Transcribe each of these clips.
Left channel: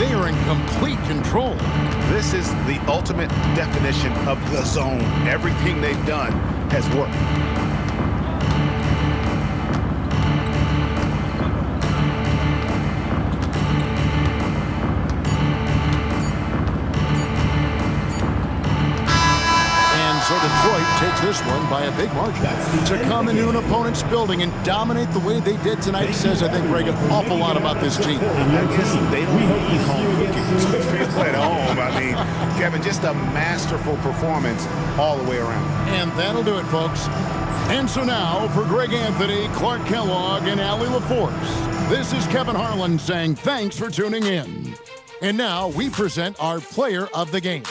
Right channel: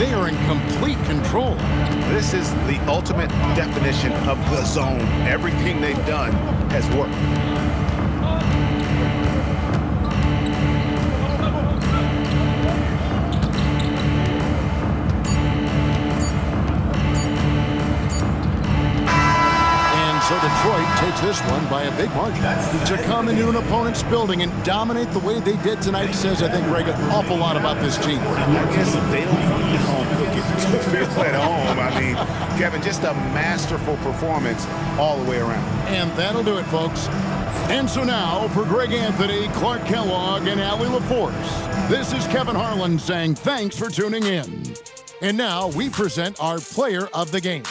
They are in complete control. This is the ultimate definition of the zone. Everything they've done has worked. And so Detroit takes this one by a big margin. To come into an opponent's building and dominate the way they did tonight says, I think, Greg, an awful lot about this team. I guess they don't need home cooking to feel at home. I mean, Kevin, just a masterful performance all the way around. And that'll do it, folks. And so now, for Greg Anthony, Clark Kellogg, and Allie LaForce, this is Kevin Harlan saying thanks for tuning in. And now we present our player of the game.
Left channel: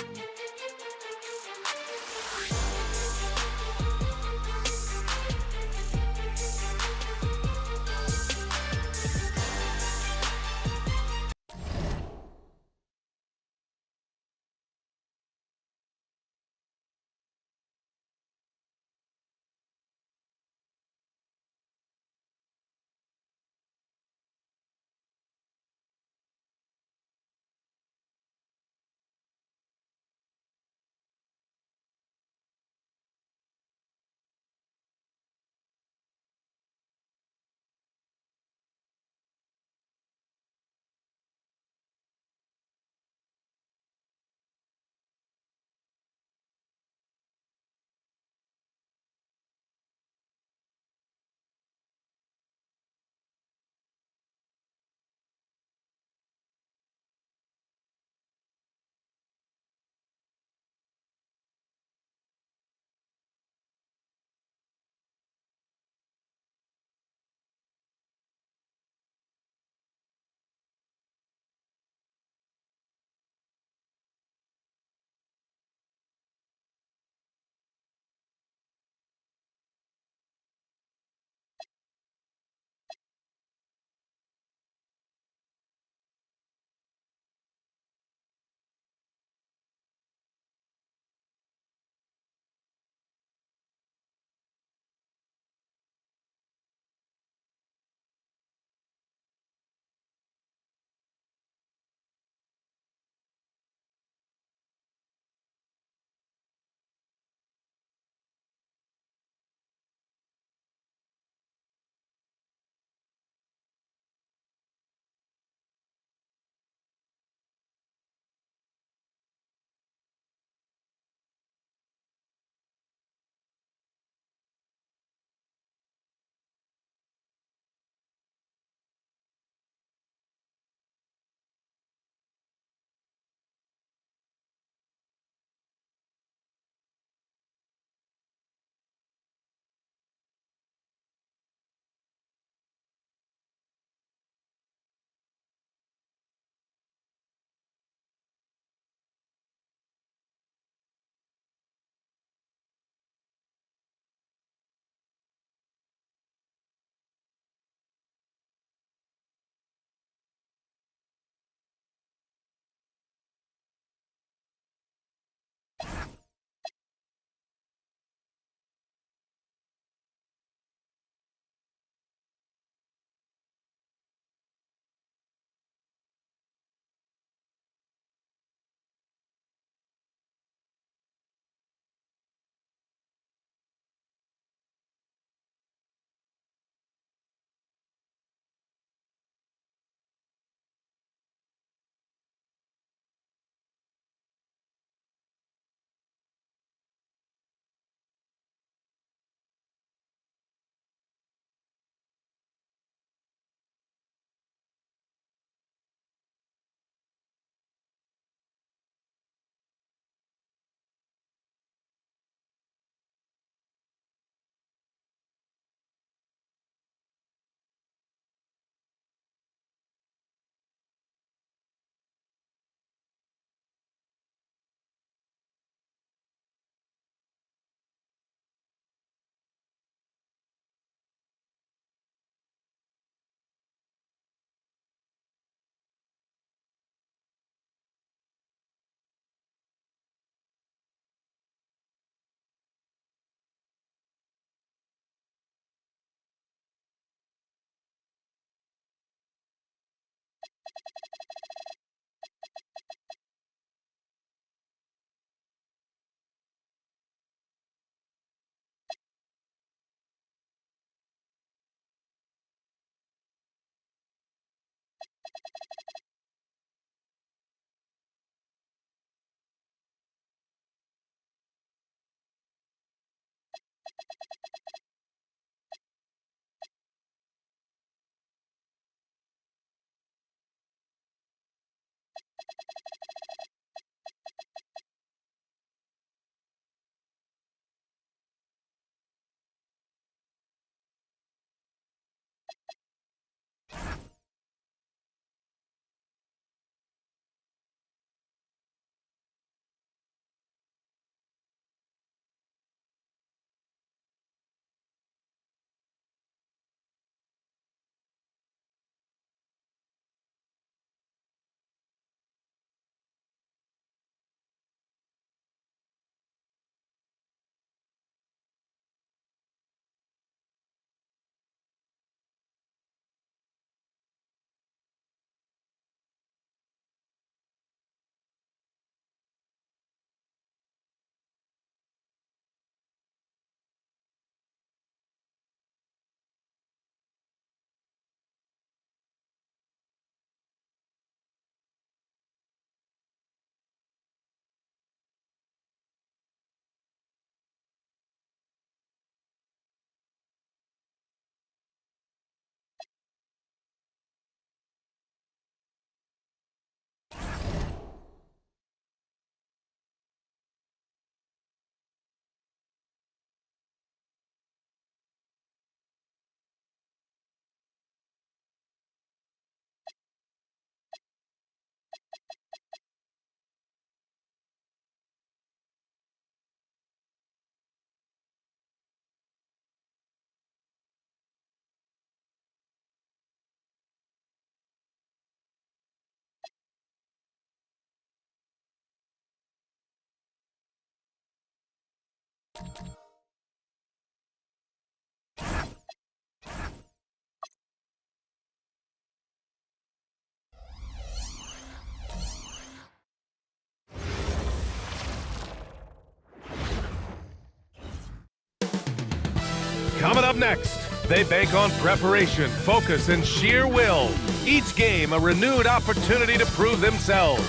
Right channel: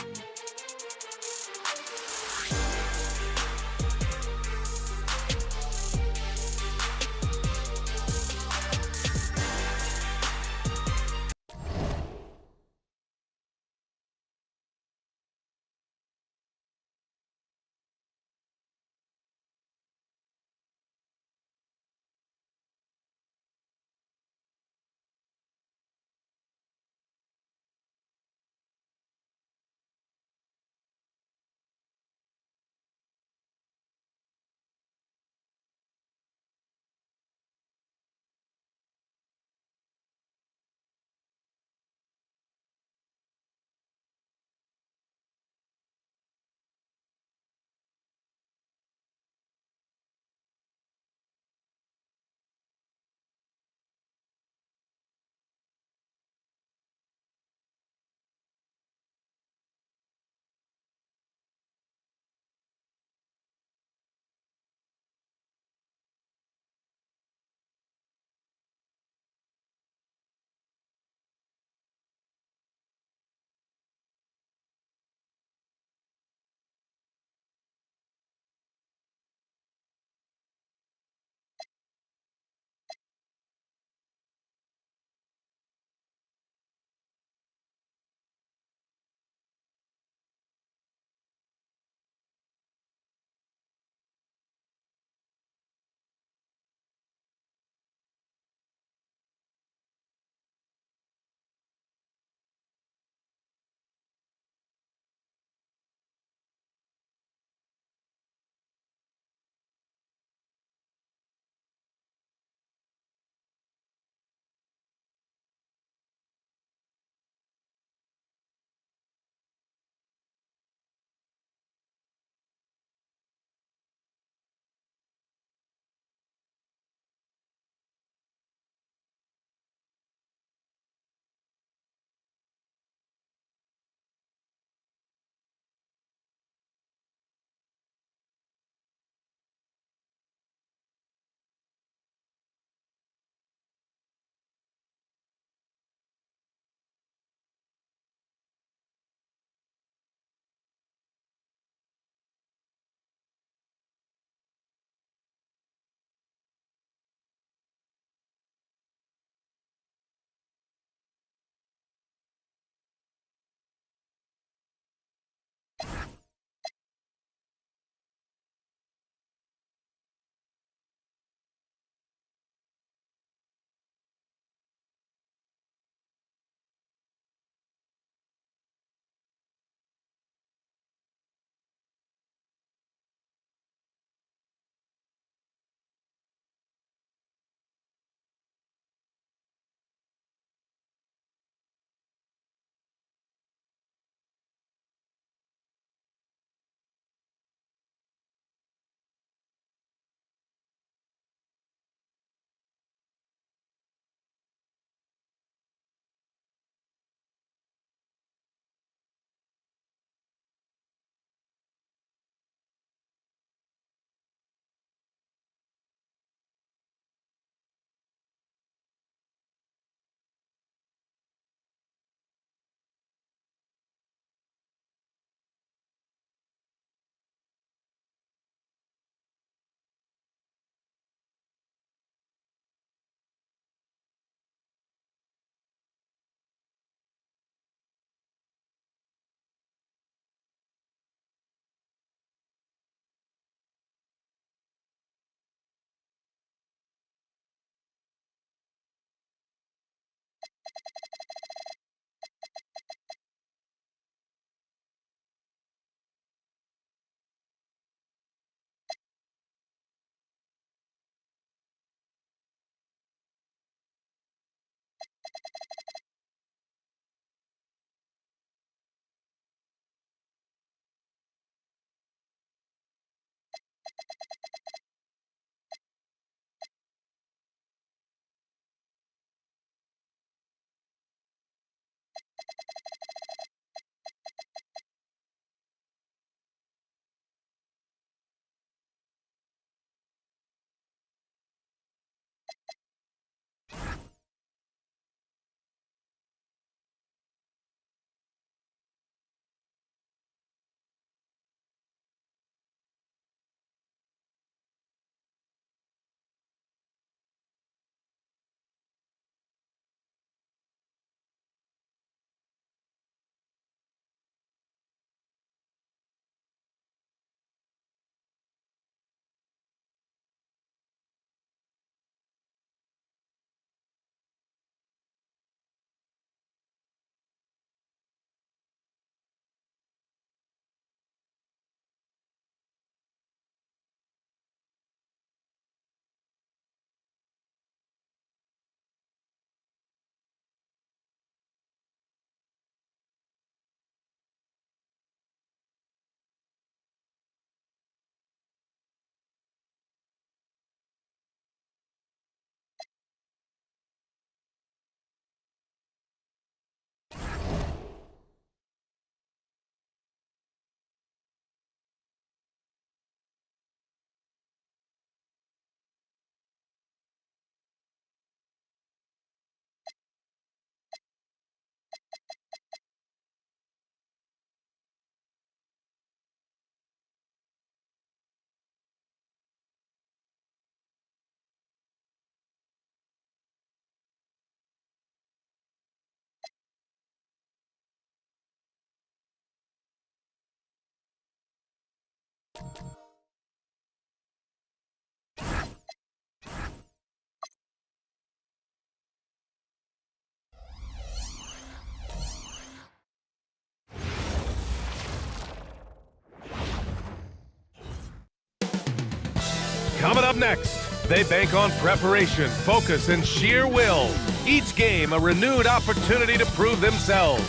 Coming up next, they bank on preparation, focus, and sheer will. Each game a renewed opportunity to prove themselves.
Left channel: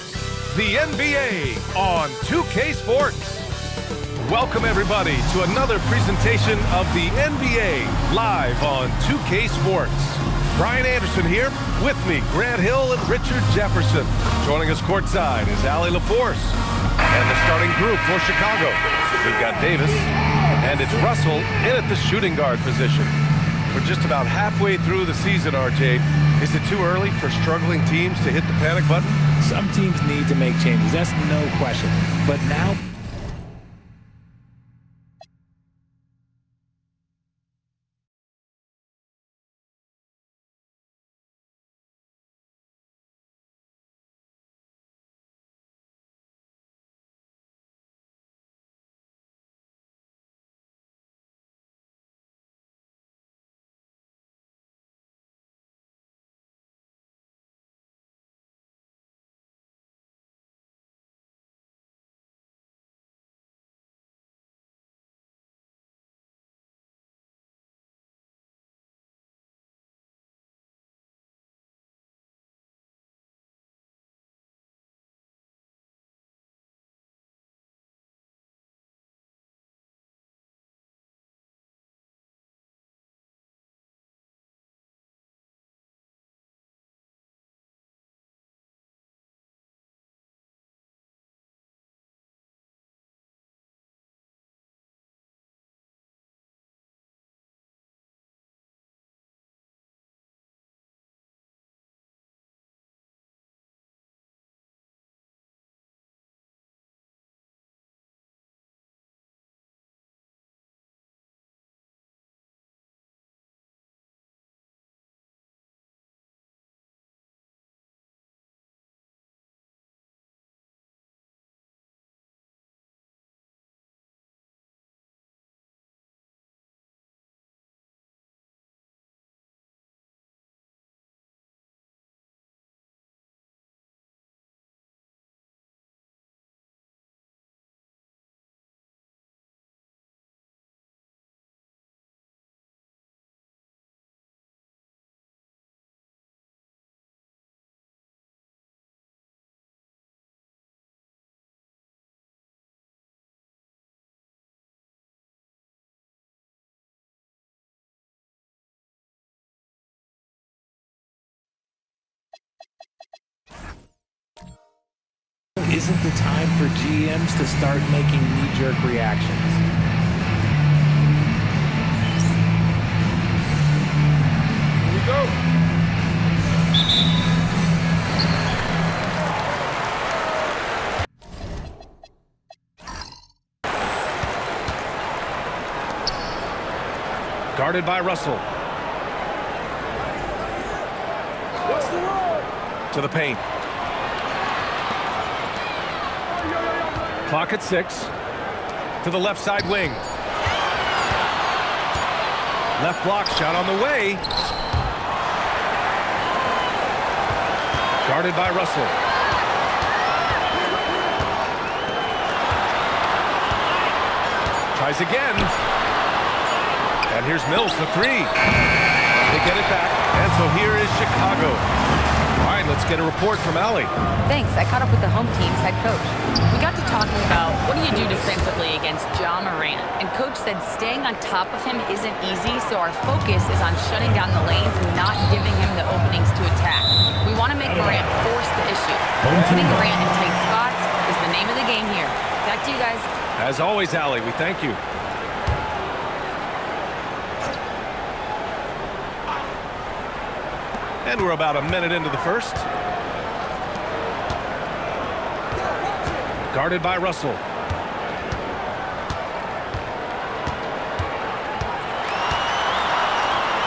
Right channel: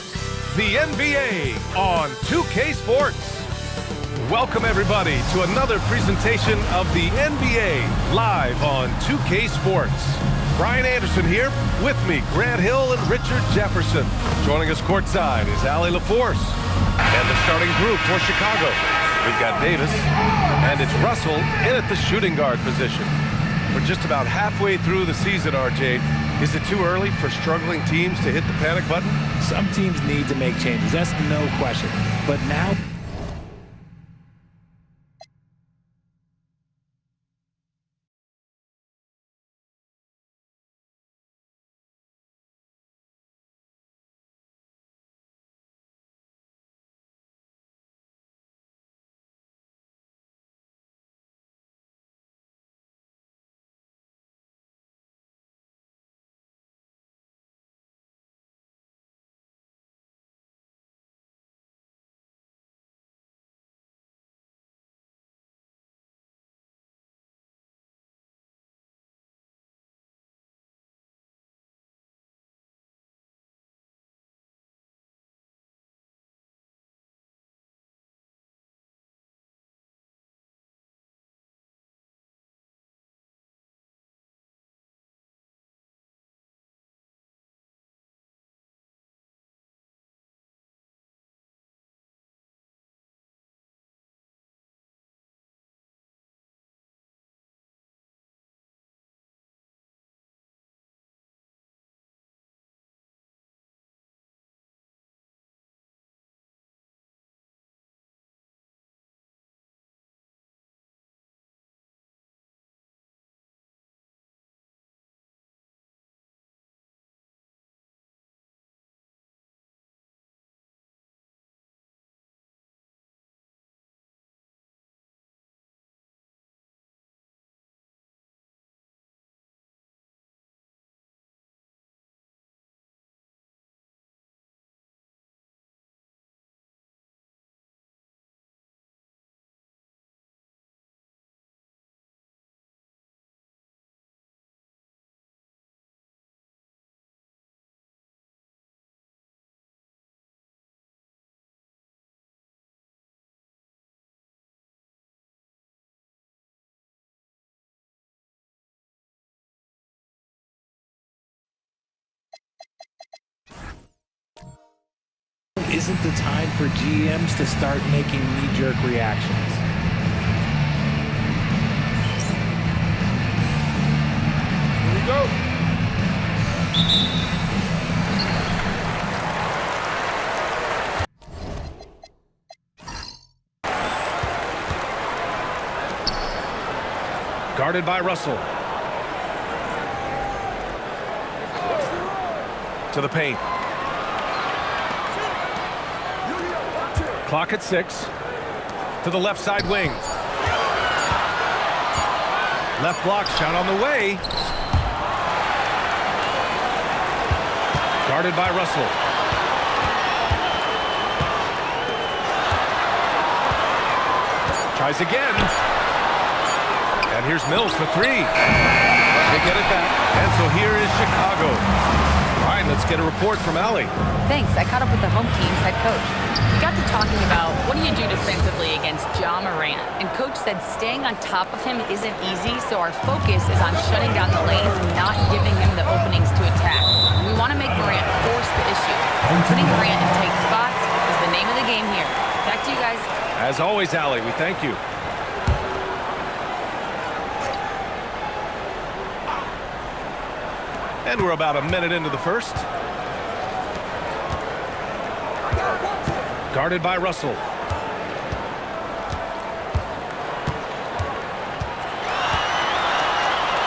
The NBA on 2K Sports. Welcome everybody to another presentation of the NBA live on 2K Sports. Brian Anderson here, with me, Grant Hill and Richard Jefferson. Joining us courtside is Allie LaForce and the starting group for Chicago. We've got Davis, and it's Russell in at the shooting guard position. We're just about halfway through the season, RJ. Is it too early for struggling teams to hit the panic button? Some teams need to make changes, that's no question. But now... isn't the time for GMs to start making knee-jerk reactions. Here we go. Guarded by Russell. To the paint. Clock at 6. To the left side wing. Left block shot on the way. Guarded by Russell. Tries again. And here's Mills for 3. They get it back. And so here is Chicago. All right, let's get a report from Allie. Thanks. I caught up with the home team's head coach. We got to talking about what do you do defensively against Ja Morant, and coach said staying on top of him isn't easy, so our focus is on shutting down the lanes and not giving him the openings to attack. We want to make Morant force the issue. Putting Morant in tight spots is the name of the game here. Back to you guys. As always, Allie, we thank you. And we're about a minute into the first. Guarded by Russell.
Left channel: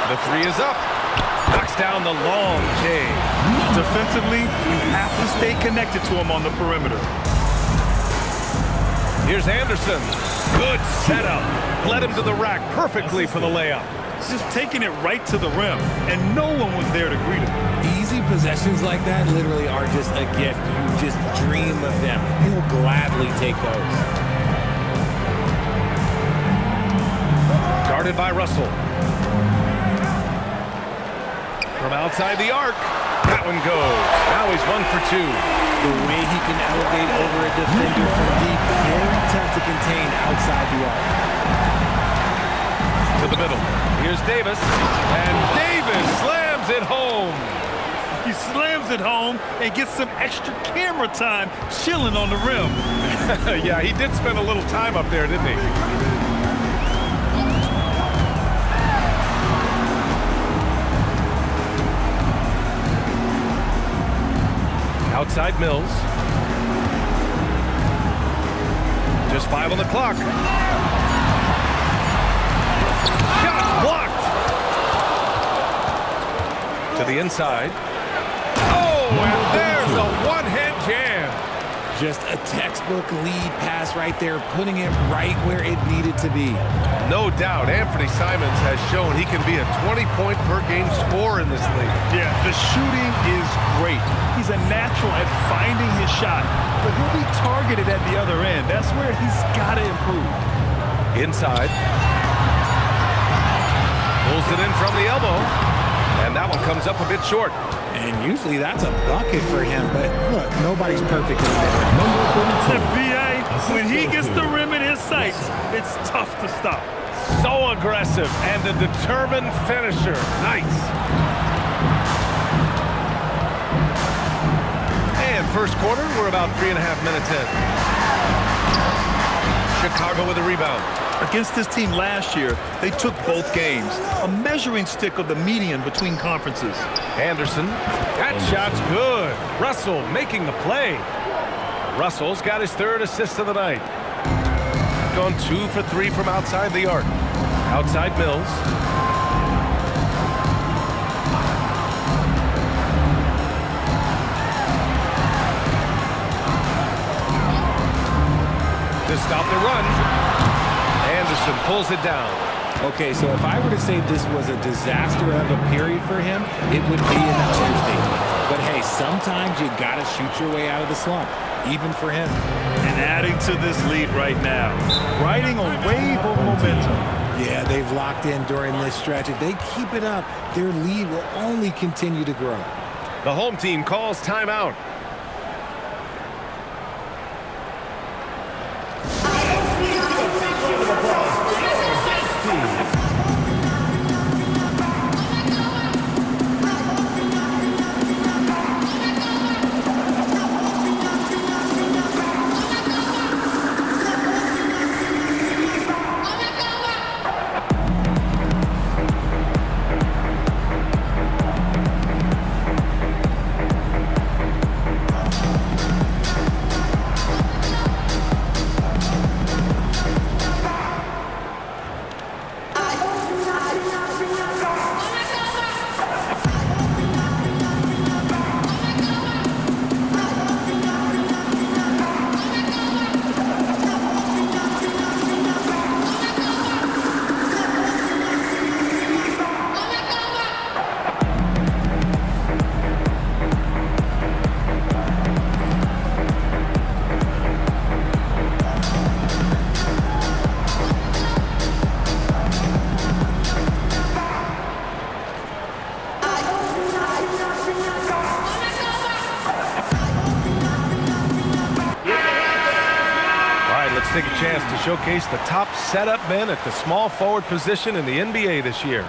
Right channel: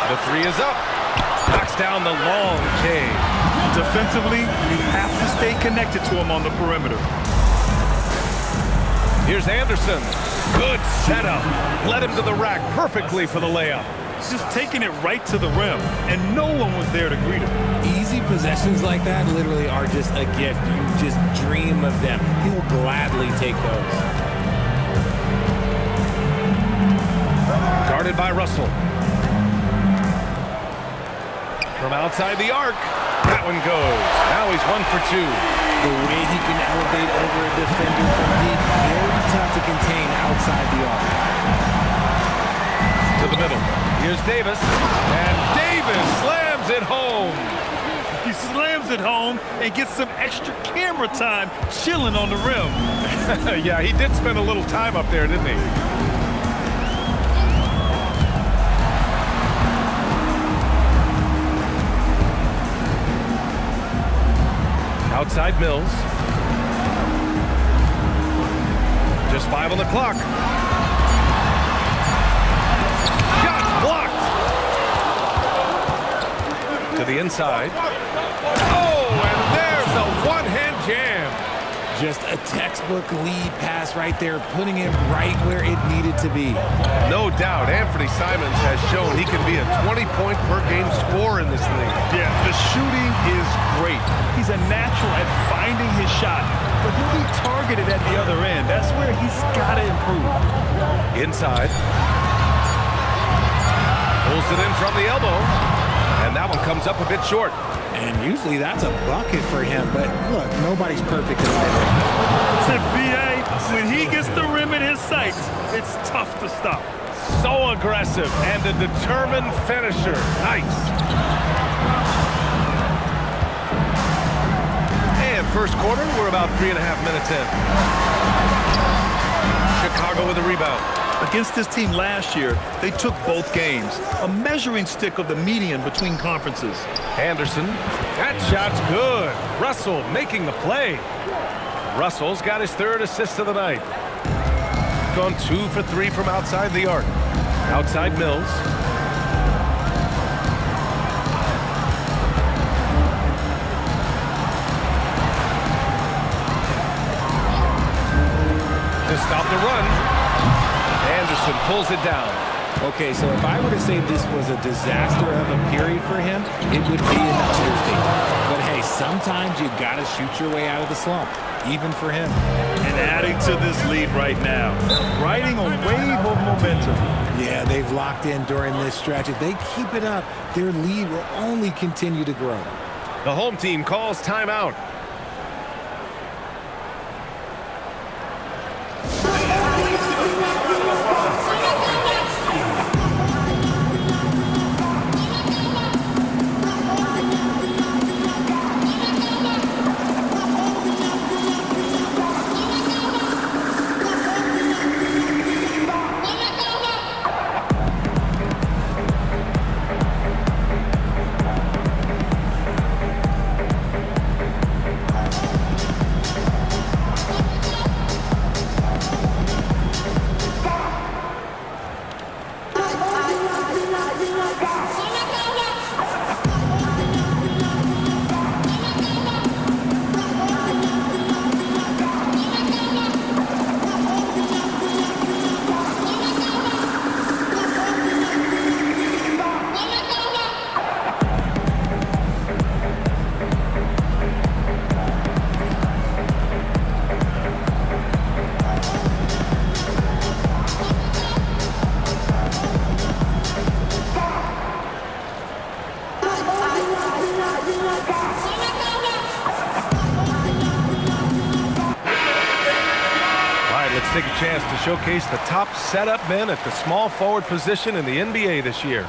The 3 is up. Knocks down the long J. Defensively, you have to stay connected to him on the perimeter. Here's Anderson. Good setup. Led him to the rack perfectly for the layup. Just taking it right to the rim, and no one was there to greet him. Easy possessions like that literally are just a gift. You just dream of them. He'll gladly take those. Guarded by Russell. From outside the arc. That one goes. Now he's 1 for 2. The way he can elevate over a defender from deep, very tough to contain outside the arc. To the middle. Here's Davis. And Davis slams it home. He slams it home and gets some extra camera time chilling on the rim. Yeah, he did spend a little time up there, didn't he? Outside Mills. Just 5 on the clock. Shots blocked. To the inside. Oh, and there's a one-hand jam. Just a textbook lead pass right there, putting it right where it needed to be. No doubt, Anthony Simons has shown he can be a 20-point-per-game scorer in this league. Yeah, the shooting is great. He's a natural at finding his shot, but he'll be targeted at the other end. That's where he's got to improve. Inside. Pulls it in from the elbow. And that one comes up a bit short. And usually that's a bucket for him, but look, nobody's perfect in the mid-range. BA, when he gets the rim in his sights, it's tough to stop. So aggressive and a determined finisher. Nice. And first quarter, we're about 3.5 minutes in. Chicago with a rebound. Against this team last year, they took both games, a measuring stick of the median between conferences. Anderson, that shot's good. Russell making the play. Russell's got his 3rd assist of the night. Gone 2 for 3 from outside the arc. Outside Mills. To stop the run. Anderson pulls it down. Okay, so if I were to say this was a disaster of a period for him, it would be an understatement. But hey, sometimes you got to shoot your way out of the slump, even for him. And adding to this lead right now, riding a wave of momentum. Yeah, they've locked in during this stretch. If they keep it up, their lead will only continue to grow. The home team calls timeout. Let's take a chance to showcase the top setup men at the small forward position in the NBA this year.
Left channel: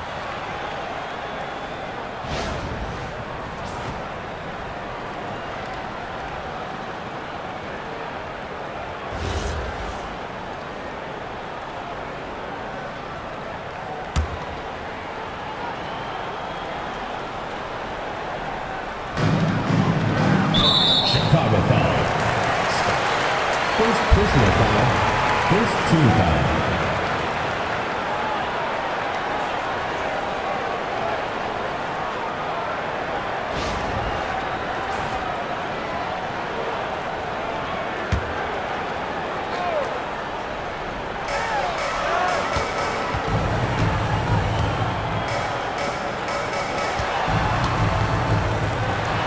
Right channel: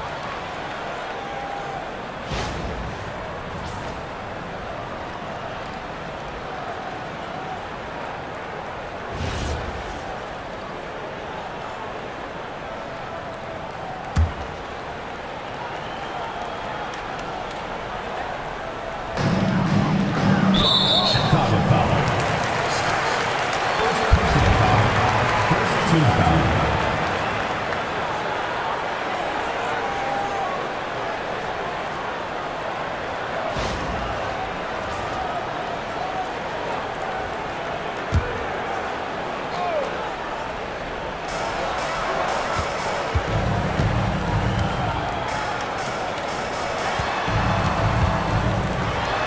Chicago foul. First personal foul. First team foul.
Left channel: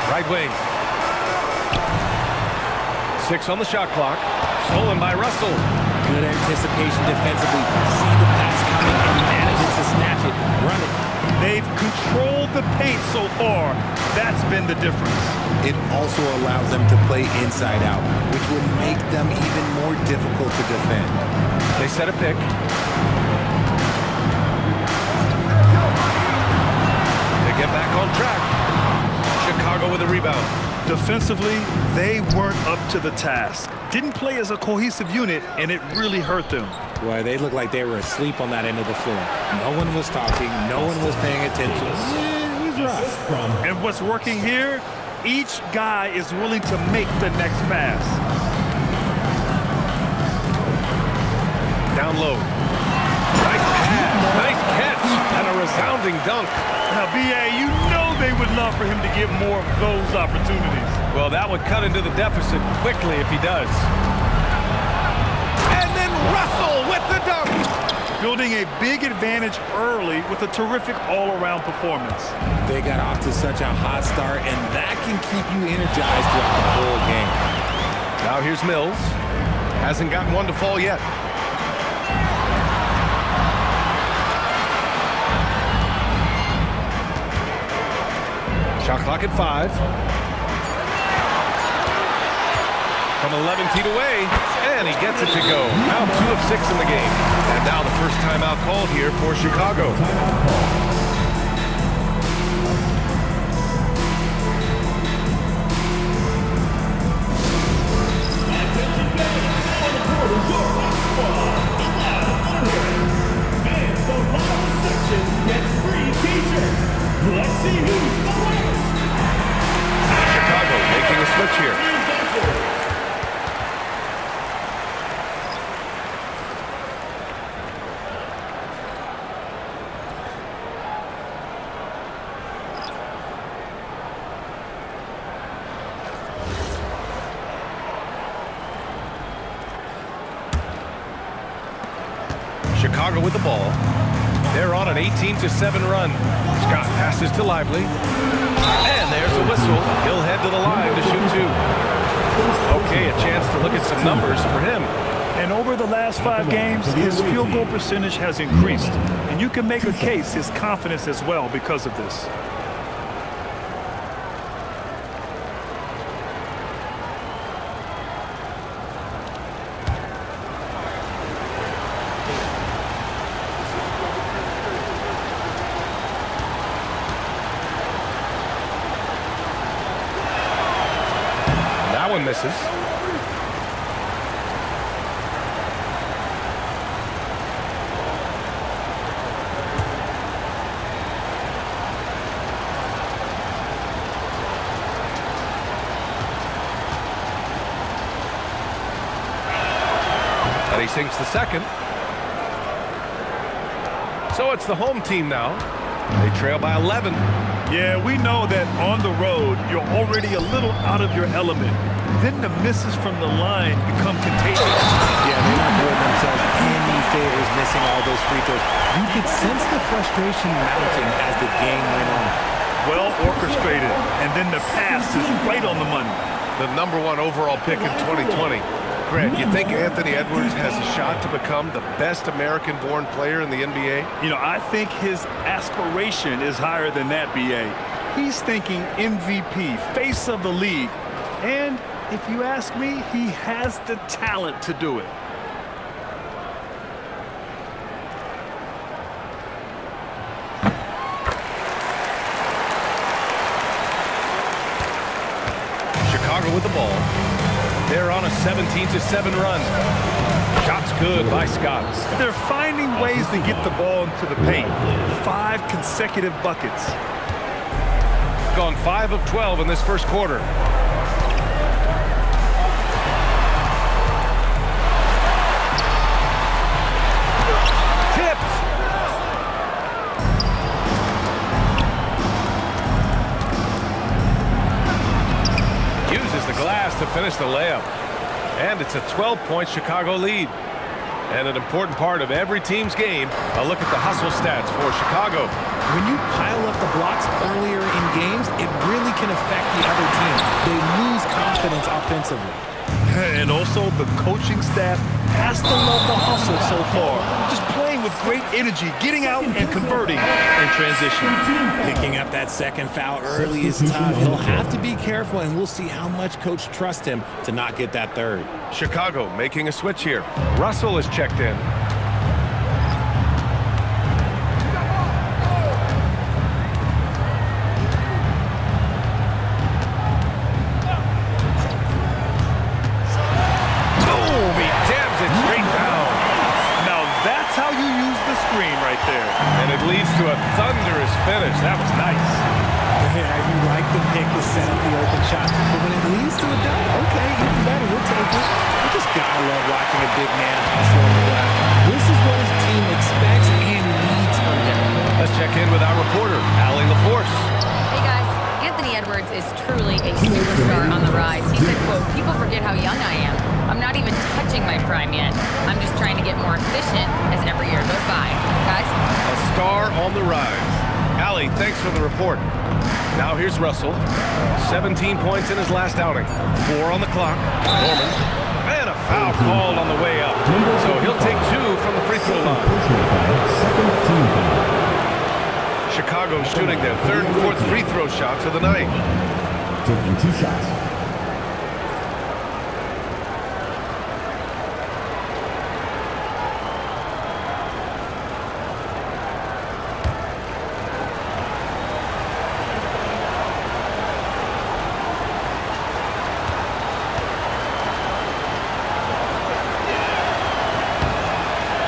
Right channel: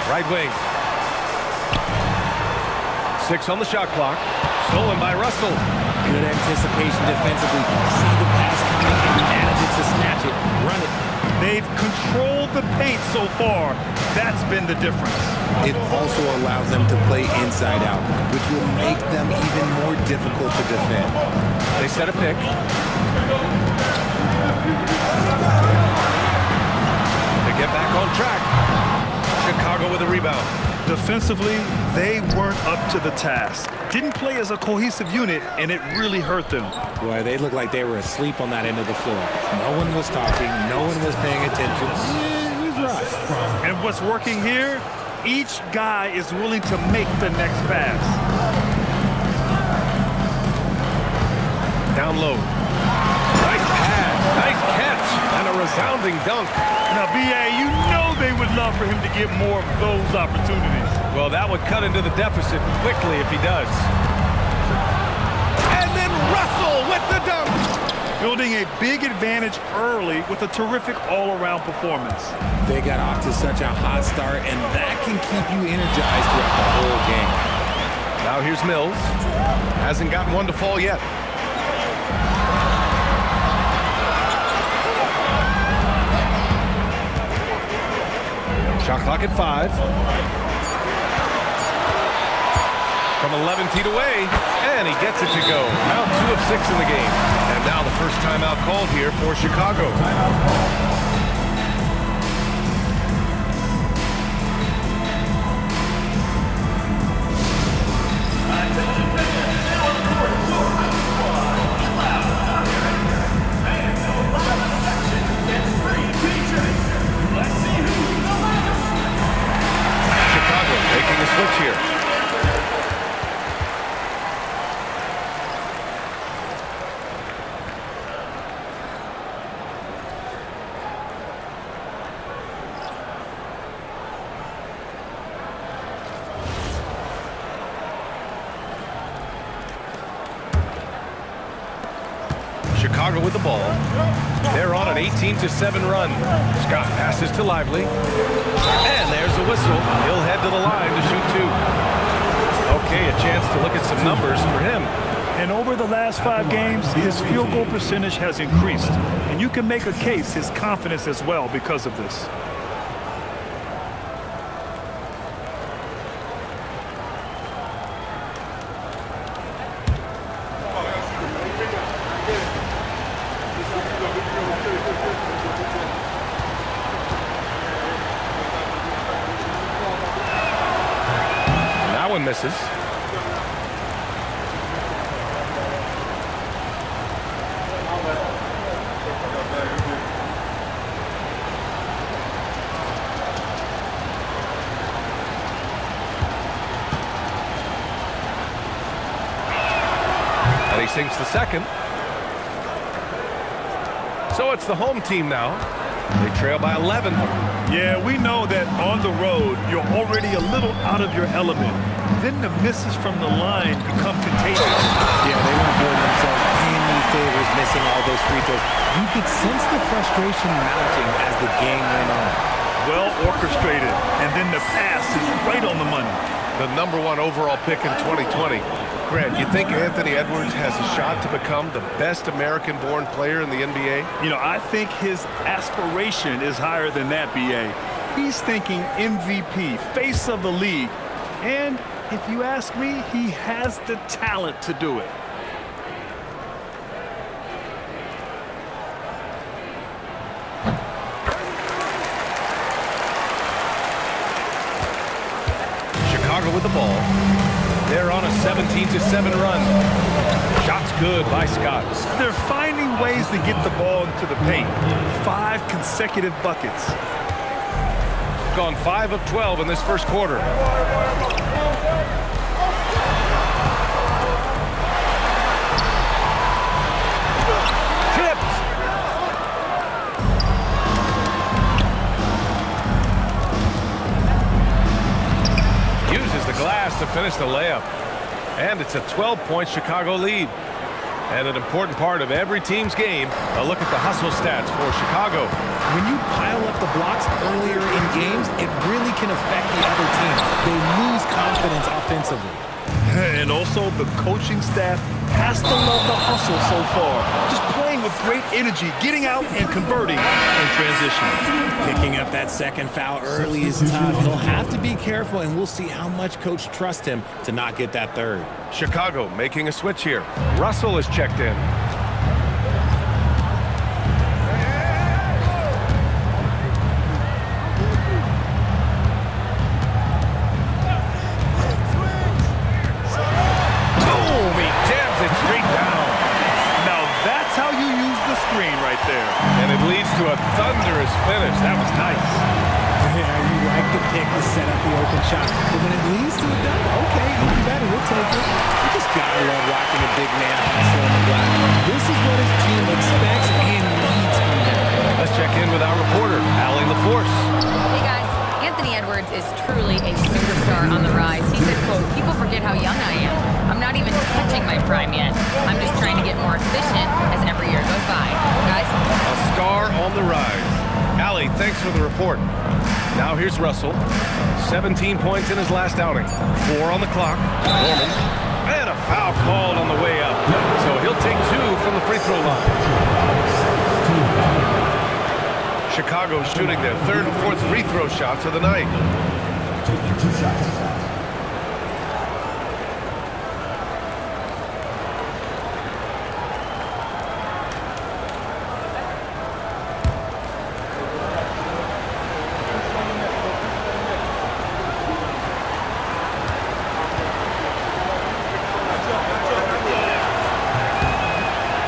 Right wing. 6 on the shot clock. Stolen by Russell. Good anticipation defensively. See the pass coming and manages to snatch it. Run it. They've controlled the paint so far. That's been the difference. It also allows them to play inside out, which will make them even more difficult to defend. They set a pick. To get back on track. Chicago with a rebound. Defensively, they weren't up to the task. Didn't play as a cohesive unit, and it really hurt them. Boy, they looked like they were asleep on that end of the floor. No one was talking. No one was paying attention. Yeah, it was rough. And what's working here? Each guy is willing to make the next pass. Down low. Nice pass. Nice catch. And a resounding dunk. Now, B.A., you know they would love for him to get more of those opportunities. Well, that would cut into the deficit quickly if he does. And then Russell with the dunk. Building a big advantage early with a terrific all-around performance. They got off to such a hot start, and that can keep you energized throughout the whole game. Now here's Mills. Hasn't gotten one to fall yet. Shot clock at 5. From 11 feet away, and he gets it to go. Now 2 of 6 in the game. And now the first timeout called here for Chicago. Chicago making a switch here. Chicago with the ball. They're on an 18-7 run. Scott passes to Lively. And there's a whistle. He'll head to the line to shoot 2. Okay, a chance to look at some numbers for him. And over the last 5 games, his field goal percentage has increased. And you can make a case his confidence as well because of this. That one misses. And he sinks the second. So it's the home team now. They trail by 11. Yeah, we know that on the road, you're already a little out of your element. Then the misses from the line become contagious. Yeah, they weren't doing themselves any favors missing all those free throws. You could sense the frustration mounting as the game went on. Well orchestrated, and then the pass is right on the money. The #1 overall pick in 2020. Grant, you think Anthony Edwards has a shot to become the best American-born player in the NBA? You know, I think his aspiration is higher than that, B.A. He's thinking MVP, face of the league. And if you ask me, he has the talent to do it. Chicago with the ball. They're on a 17-7 run. Shots good by Scott. They're finding ways to get the ball into the paint. 5 consecutive buckets. Gone 5 of 12 in this first quarter. Tipped. Uses the glass to finish the layup. And it's a 12-point Chicago lead. And an important part of every team's game, a look at the hustle stats for Chicago. When you pile up the blocks earlier in games, it really can affect the other team. They lose confidence offensively. And also, the coaching staff has to love the hustle so far. Just playing with great energy, getting out and converting in transition. Picking up that second foul early is tough. He'll have to be careful, and we'll see how much coach trusts him to not get that third. Chicago making a switch here. Russell is checked in. Jams it straight down. Now that's how you use the screen right there. And it leads to a thunderous finish. That was nice. Yeah, you like the pick to set up the open shot. But when it leads to a dunk, okay, even better, you'll take it. You just gotta love watching a big man hustle on the glass. This is what his team expects and needs from him. Let's check in with our reporter, Allie LaForce. Hey guys, Anthony Edwards is truly a superstar on the rise. He said, quote, "People forget how young I am. I'm not even touching my prime yet. I'm just trying to get more efficient as every year goes by." Guys? A star on the rise. Allie, thanks for the report. Now here's Russell. 17 points in his last outing. 4 on the clock. Norman. And a foul called on the way up. So he'll take 2 from the free throw line. Second team foul. Chicago shooting their 3rd and 4th free throw shots of the night. Taking 2 shots.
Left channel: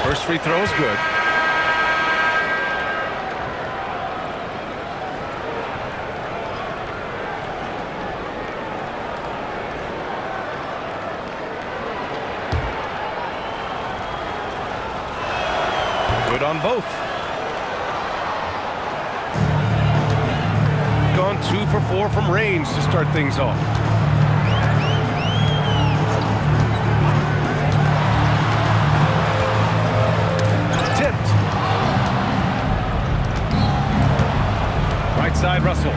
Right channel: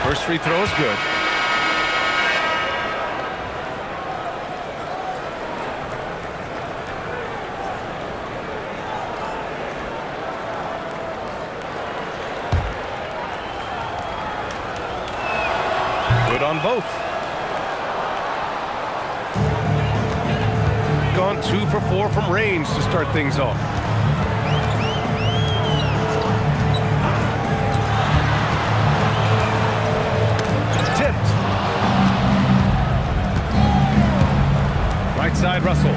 First free throw is good. Good on both. Gone 2 for 4 from range to start things off. Tipped. Right side, Russell.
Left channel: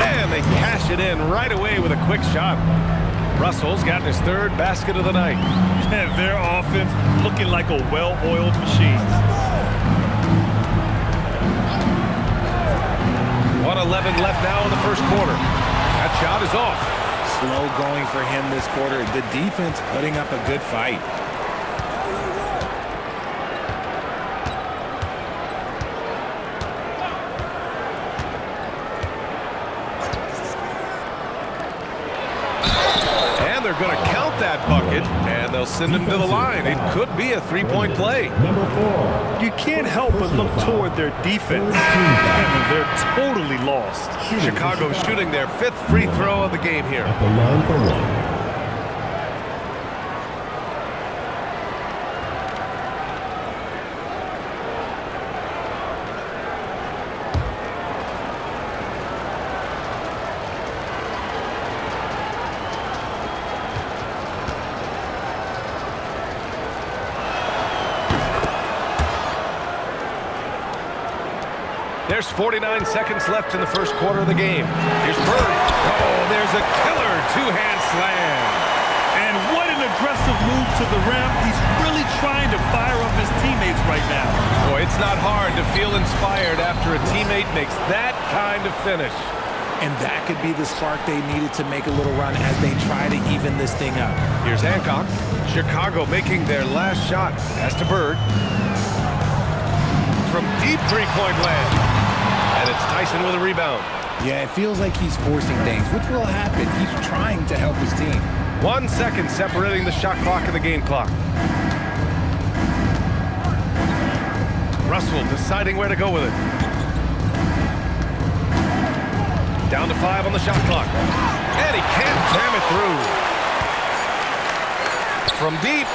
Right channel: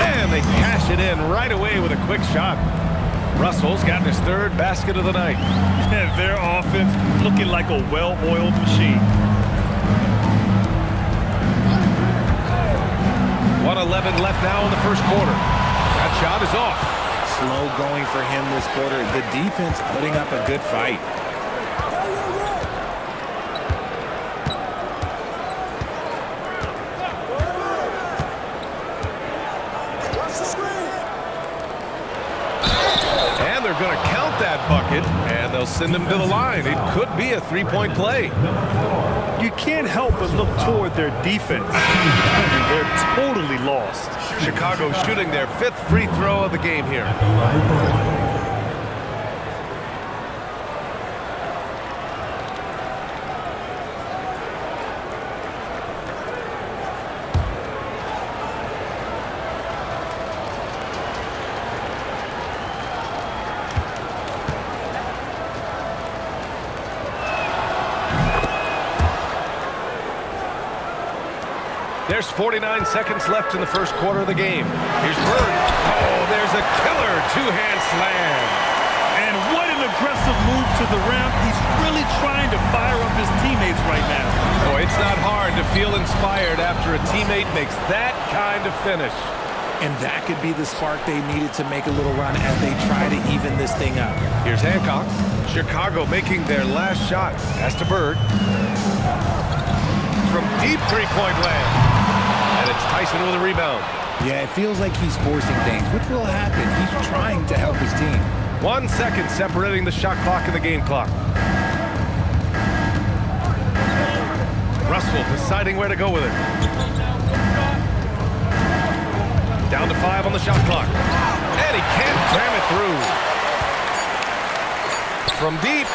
And they cash it in right away with a quick shot. Russell's gotten his 3rd basket of the night. Their offense looking like a well-oiled machine. 1:11 left now in the first quarter. That shot is off. Slow going for him this quarter. The defense putting up a good fight. And they're going to count that bucket, and they'll send him to the line. It could be a 3-point play. Number 4. You can't help but look toward their defense. They're totally lost. Chicago shooting their 5th free throw of the game here. At the line for one. There's 49 seconds left in the first quarter of the game. Here's Bird. Oh, there's a killer 2-hand slam. And what an aggressive move to the rim. He's really trying to fire up his teammates right now. Boy, it's not hard to feel inspired after a teammate makes that kind of finish. And that could be the spark they needed to make a little run as they try to even this thing up. Here's Hancock. Chicago making their last shot. Pass to Bird. From deep 3-point land. And it's Tyson with a rebound. Yeah, it feels like he's forcing things, which will happen. He's trying to help his team. 1 second separating the shot clock and the game clock. Russell deciding where to go with it. Down to 5 on the shot clock. And he can't jam it through. From deep.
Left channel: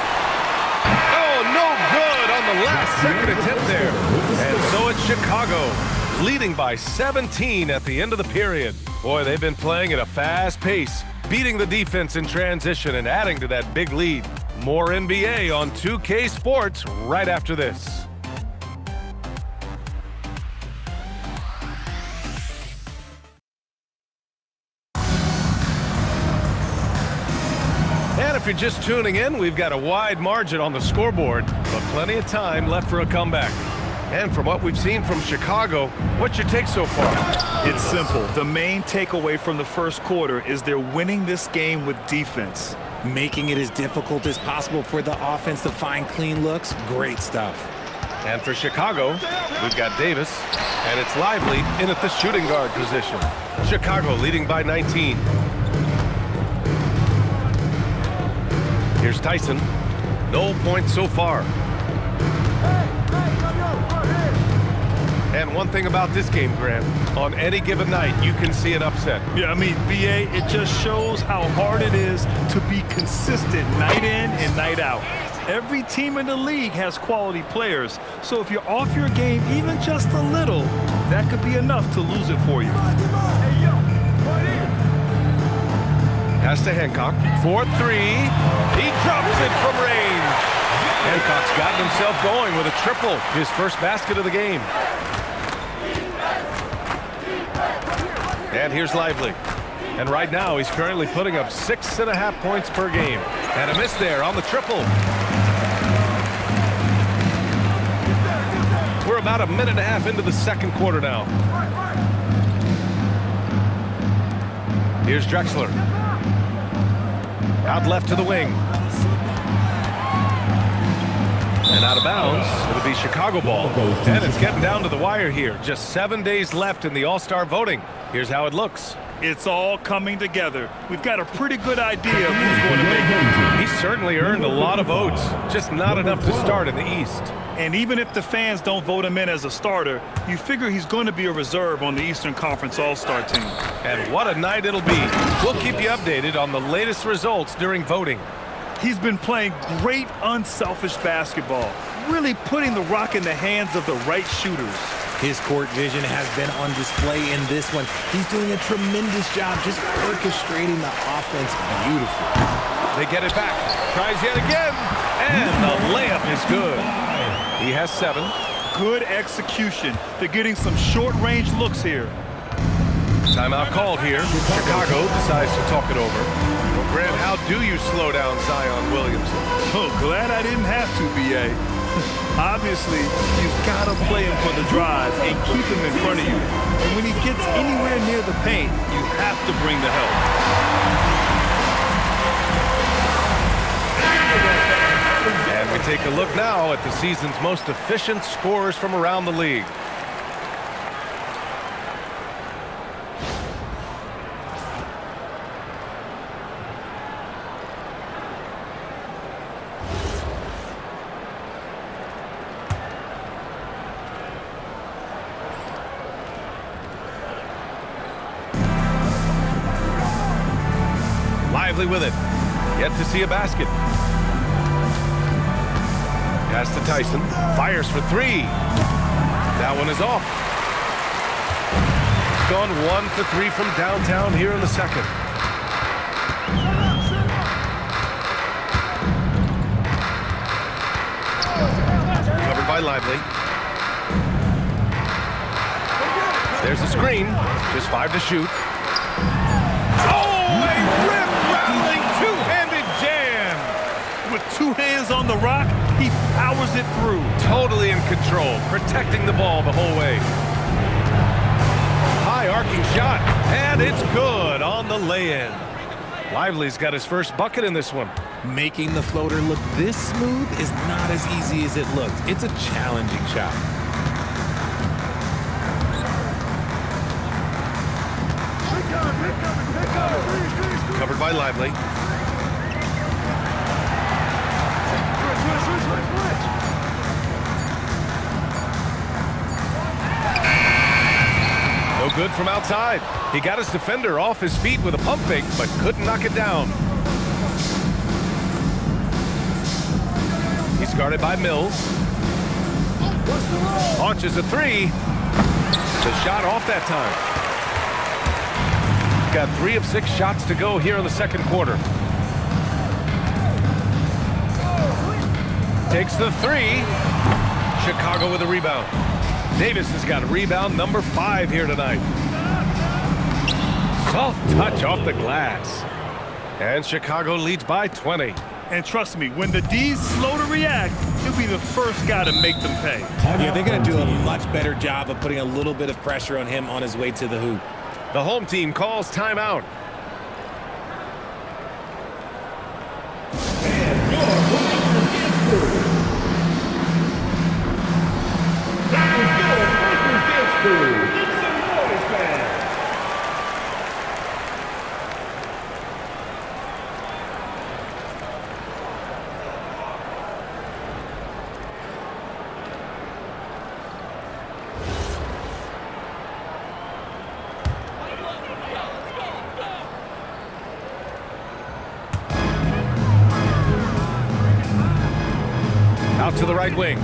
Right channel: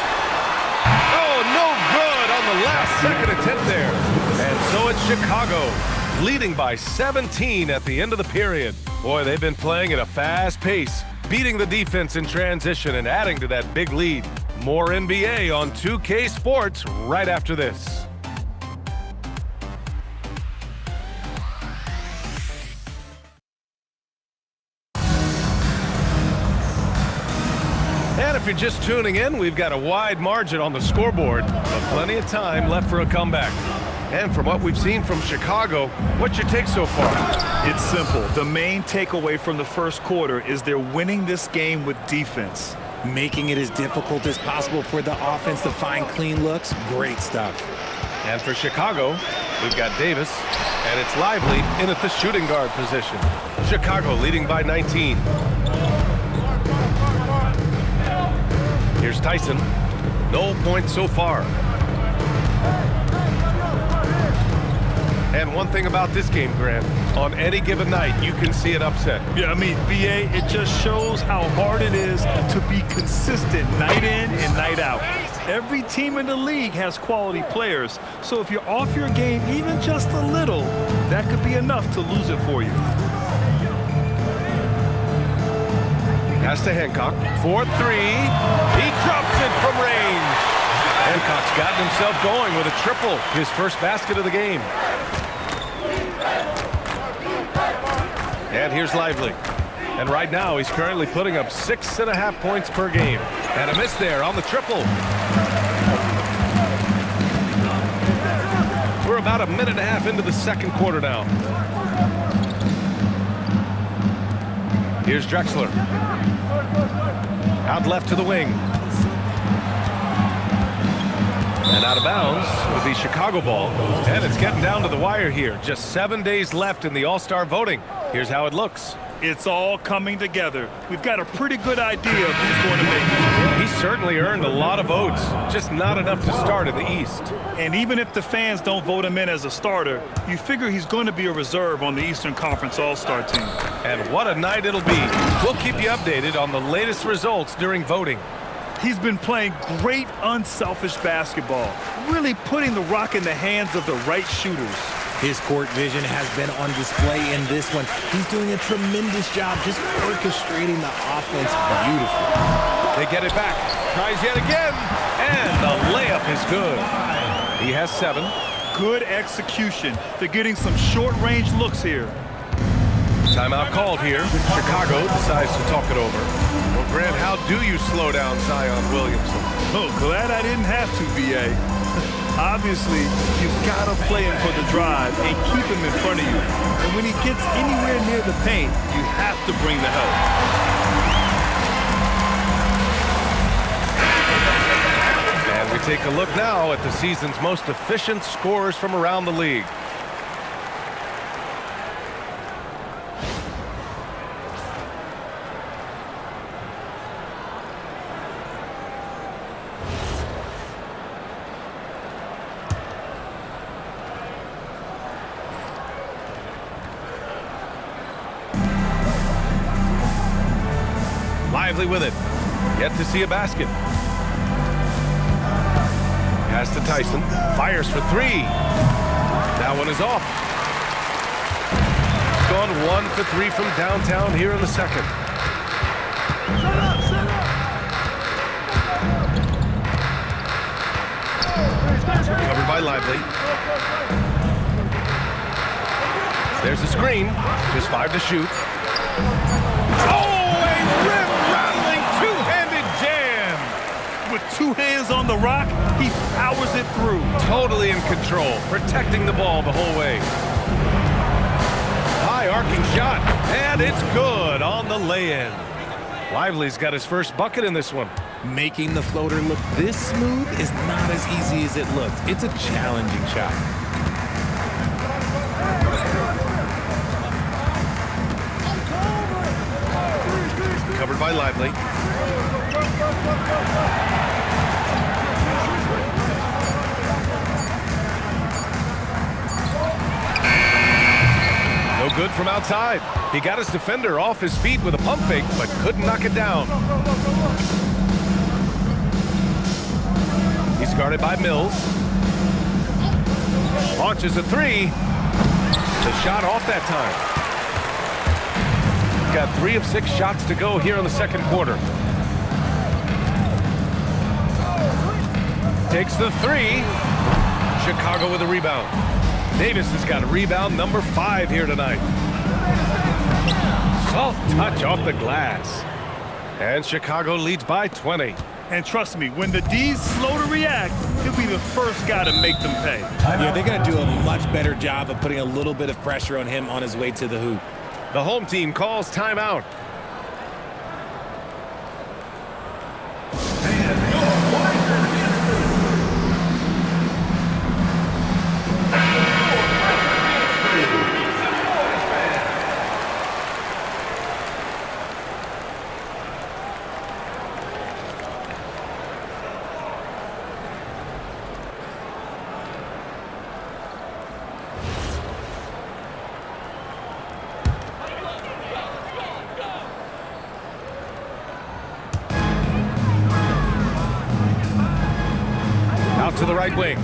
Oh, no good on the last second attempt there. And so it's Chicago, leading by 17 at the end of the period. Boy, they've been playing at a fast pace, beating the defense in transition and adding to that big lead. More NBA on 2K Sports right after this. And if you're just tuning in, we've got a wide margin on the scoreboard, but plenty of time left for a comeback. And from what we've seen from Chicago, what's your take so far? It's simple. The main takeaway from the first quarter is they're winning this game with defense. Making it as difficult as possible for the offense to find clean looks. Great stuff. And for Chicago, we've got Davis, and it's Lively in at the shooting guard position. Chicago leading by 19. Here's Tyson. No points so far. And one thing about this game, Grant, on any given night, you can see an upset. Yeah, I mean, BA, it just shows how hard it is to be consistent night in and night out. Every team in the league has quality players, so if you're off your game even just a little, that could be enough to lose it for you. Pass to Hancock for three. He drops it from range. Hancock's gotten himself going with a triple, his first basket of the game. And here's Lively. And right now, he's currently putting up 6.5 points per game. And a miss there on the triple. We're about a minute and a half into the second quarter now. Here's Drexler. Out left to the wing. And out of bounds, it'll be Chicago ball. And it's getting down to the wire here. Just 7 days left in the All-Star voting. Here's how it looks. It's all coming together. We've got a pretty good idea of who's going to make it. He's certainly earned a lot of votes, just not enough to start in the East. And even if the fans don't vote him in as a starter, you figure he's going to be a reserve on the Eastern Conference All-Star team. And what a night it'll be. We'll keep you updated on the latest results during voting. He's been playing great, unselfish basketball, really putting the rock in the hands of the right shooters. His court vision has been on display in this one. He's doing a tremendous job just orchestrating the offense beautifully. They get it back. Tries yet again. And the layup is good. He has 7. Good execution. They're getting some short-range looks here. Timeout called here. Chicago decides to talk it over. Well, Grant, how do you slow down Zion Williamson? Oh, glad I didn't have to, B.A. Obviously, you've got to play him for the drive and keep him in front of you. And when he gets anywhere near the paint, you have to bring the help. And we take a look now at the season's most efficient scorers from around the league. Lively with it. Yet to see a basket. Pass to Tyson. Fires for 3. That one is off. Gone 1 for 3 from downtown here in the second. Covered by Lively. There's a screen. Just 5 to shoot. Oh, a rim-rattling two-handed jam. With 2 hands on the rock, he powers it through. Totally in control, protecting the ball the whole way. High arcing shot, and it's good on the lay-in. Lively's got his first bucket in this one. Making the floater look this smooth is not as easy as it looked. It's a challenging shot. Covered by Lively. No good from outside. He got his defender off his feet with a pump fake, but couldn't knock it down. He's guarded by Mills. Launches a 3. The shot off that time. Got 3 of 6 shots to go here in the second quarter. Takes the 3. Chicago with a rebound. Davis has got a rebound number 5 here tonight. Soft touch off the glass. And Chicago leads by 20. And trust me, when the D's slow to react, he'll be the first guy to make them pay. Yeah, they're going to do a much better job of putting a little bit of pressure on him on his way to the hoop. The home team calls timeout. Out to the right wing.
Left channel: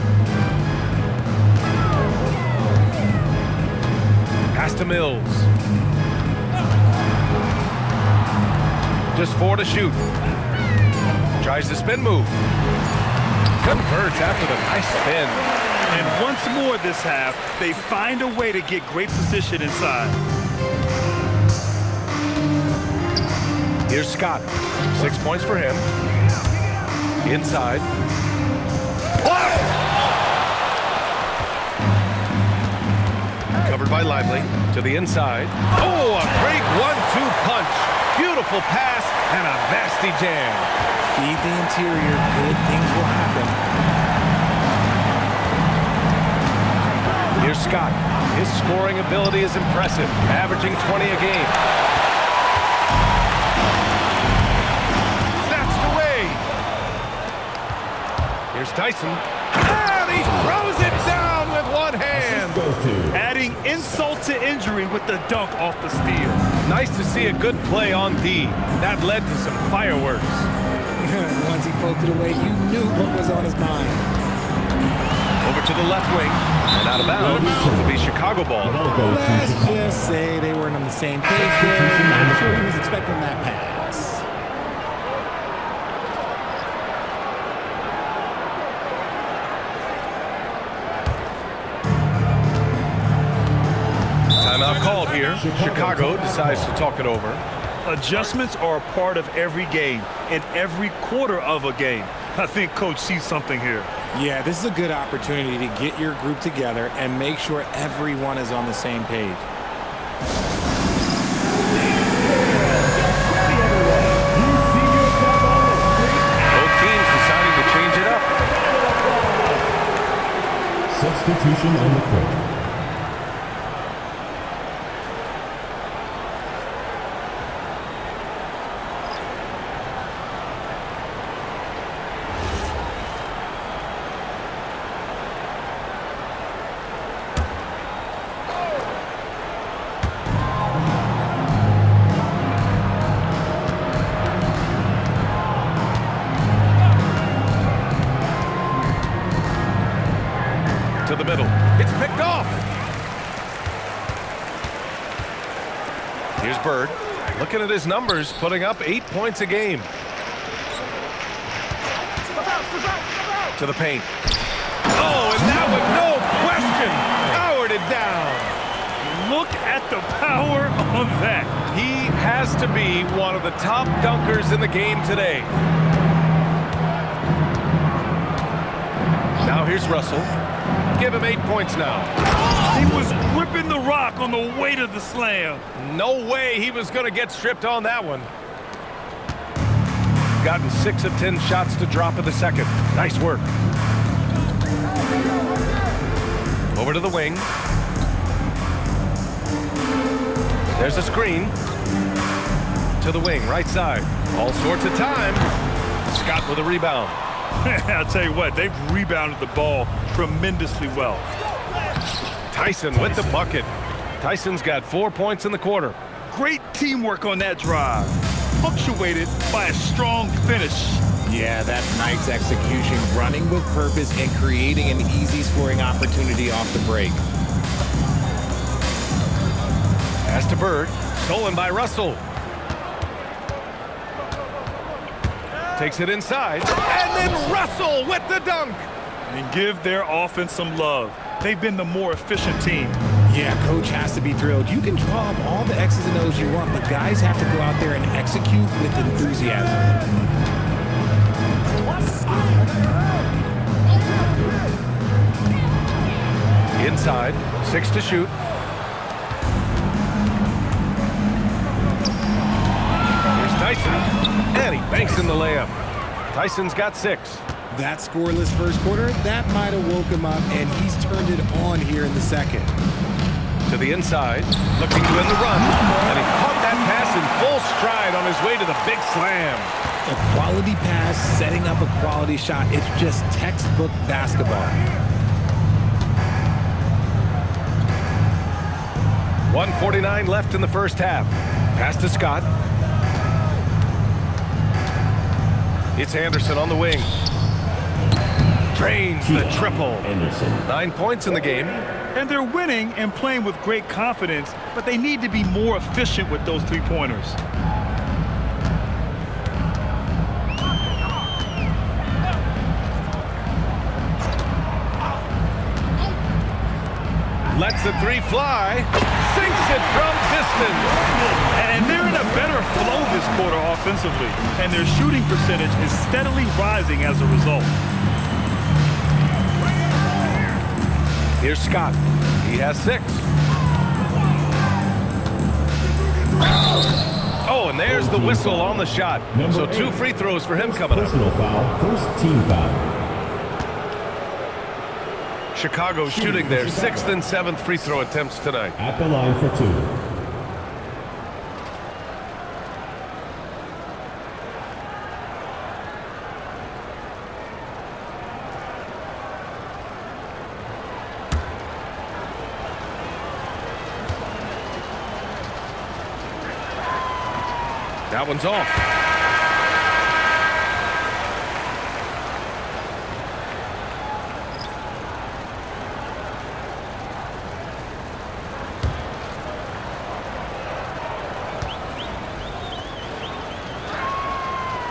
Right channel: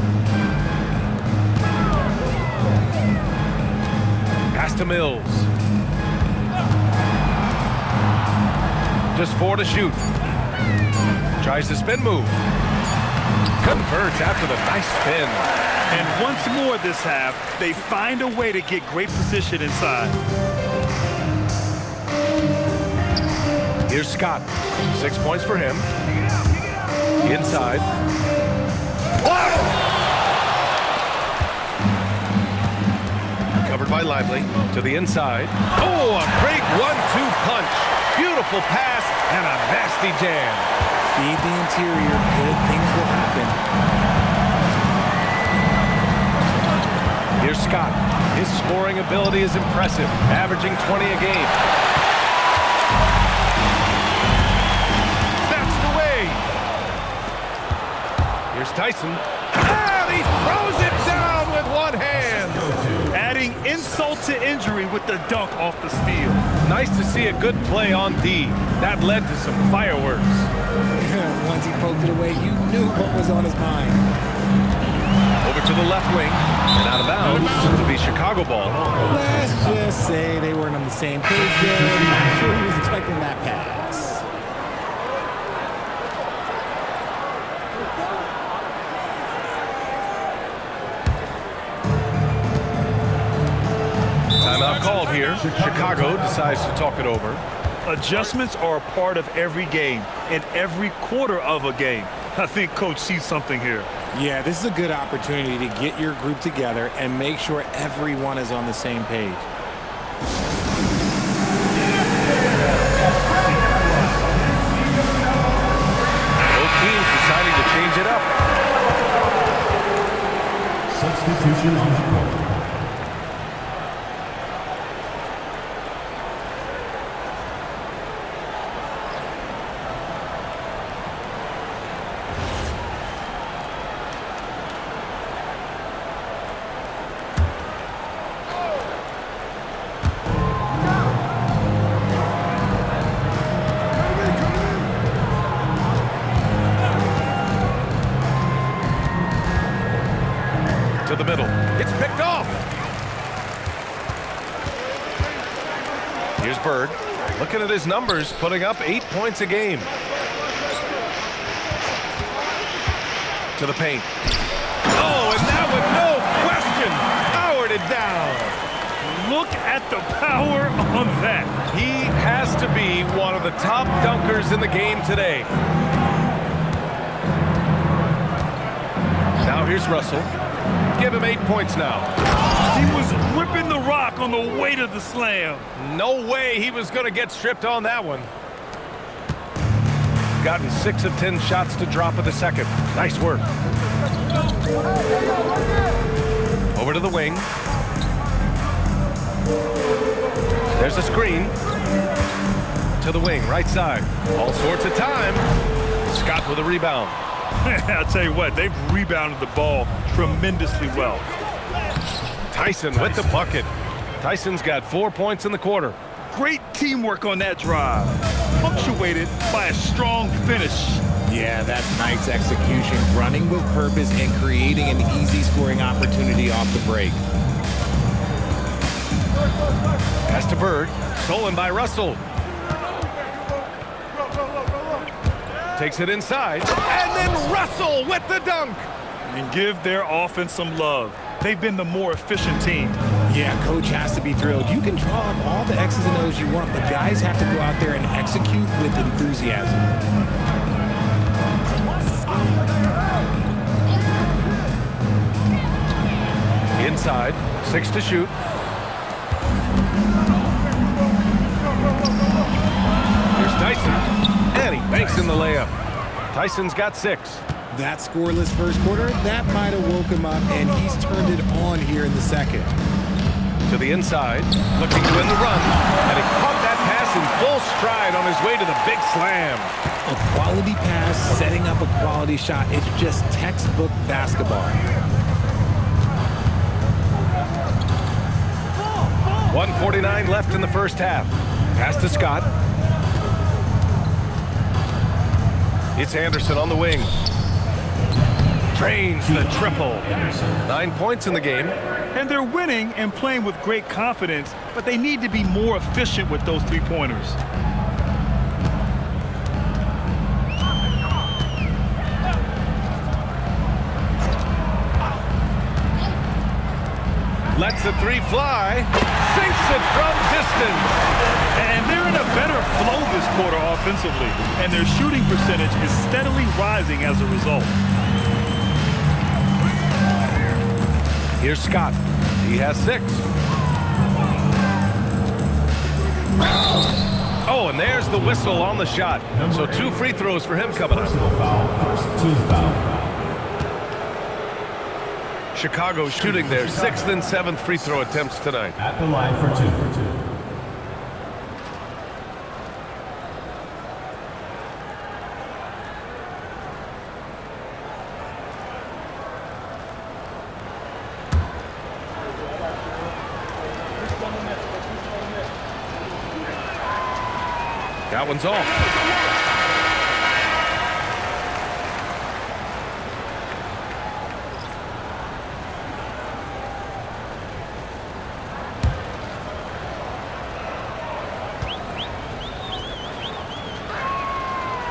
Pass to Mills. Just 4 to shoot. Tries the spin move. Converts after the nice spin. And once more this half, they find a way to get great position inside. Here's Scott. 6 points for him. Inside. Blocked! Covered by Lively. To the inside. Oh, a great 1-2 punch. Beautiful pass and a nasty jam. Feed the interior. Good things will happen. Here's Scott. His scoring ability is impressive, averaging 20 a game. Snatched away. Here's Tyson. And he throws it down with one hand. Adding insult to injury with the dunk off the steal. Nice to see a good play on D. That led to some fireworks. Once he poked it away, you knew what was on his mind. Over to the left wing and out of bounds to be Chicago ball. Let's just say they weren't on the same page there. Not sure he was expecting that pass. Timeout called here. Chicago decides to talk it over. Adjustments are a part of every game and every quarter of a game. I think Coach sees something here. Yeah, this is a good opportunity to get your group together and make sure everyone is on the same page. Both teams deciding to change it up. Substitution on the court. To the middle. It's picked off. Here's Bird. Looking at his numbers, putting up 8 points a game. To the paint. Oh, and that one, no question, powered it down. Look at the power on that. He has to be one of the top dunkers in the game today. Now here's Russell. Give him 8 points now. He was gripping the rock on the way to the slam. No way he was going to get stripped on that one. Gotten 6 of 10 shots to drop in the second. Nice work. Over to the wing. There's a screen. To the wing, right side. All sorts of time. Scott with a rebound. I'll tell you what, they've rebounded the ball tremendously well. Tyson with the bucket. Tyson's got 4 points in the quarter. Great teamwork on that drive, punctuated by a strong finish. Yeah, that's nice execution, running with purpose and creating an easy scoring opportunity off the break. Pass to Bird, stolen by Russell. Takes it inside, and then Russell with the dunk. And give their offense some love. They've been the more efficient team. Yeah, coach has to be thrilled. You can draw up all the X's and O's you want, but guys have to go out there and execute with enthusiasm. Inside, 6 to shoot. Here's Tyson, and he banks in the layup. Tyson's got 6. That scoreless first quarter, that might have woke him up, and he's turned it on here in the second. To the inside, looking to win the run, and he caught that pass in full stride on his way to the big slam. A quality pass, setting up a quality shot. It's just textbook basketball. 1:49 left in the first half. Pass to Scott. It's Anderson on the wing. Drains the triple. 9 points in the game. And they're winning and playing with great confidence, but they need to be more efficient with those three-pointers. Lets the 3 fly. Sinks it from distance. And they're in a better flow this quarter offensively, and their shooting percentage is steadily rising as a result. Here's Scott. He has 6. Oh, and there's the whistle on the shot. So 2 free throws for him coming up. Personal foul, first team foul. Chicago shooting their 6th and 7th free throw attempts tonight. At the line for 2. That one's off.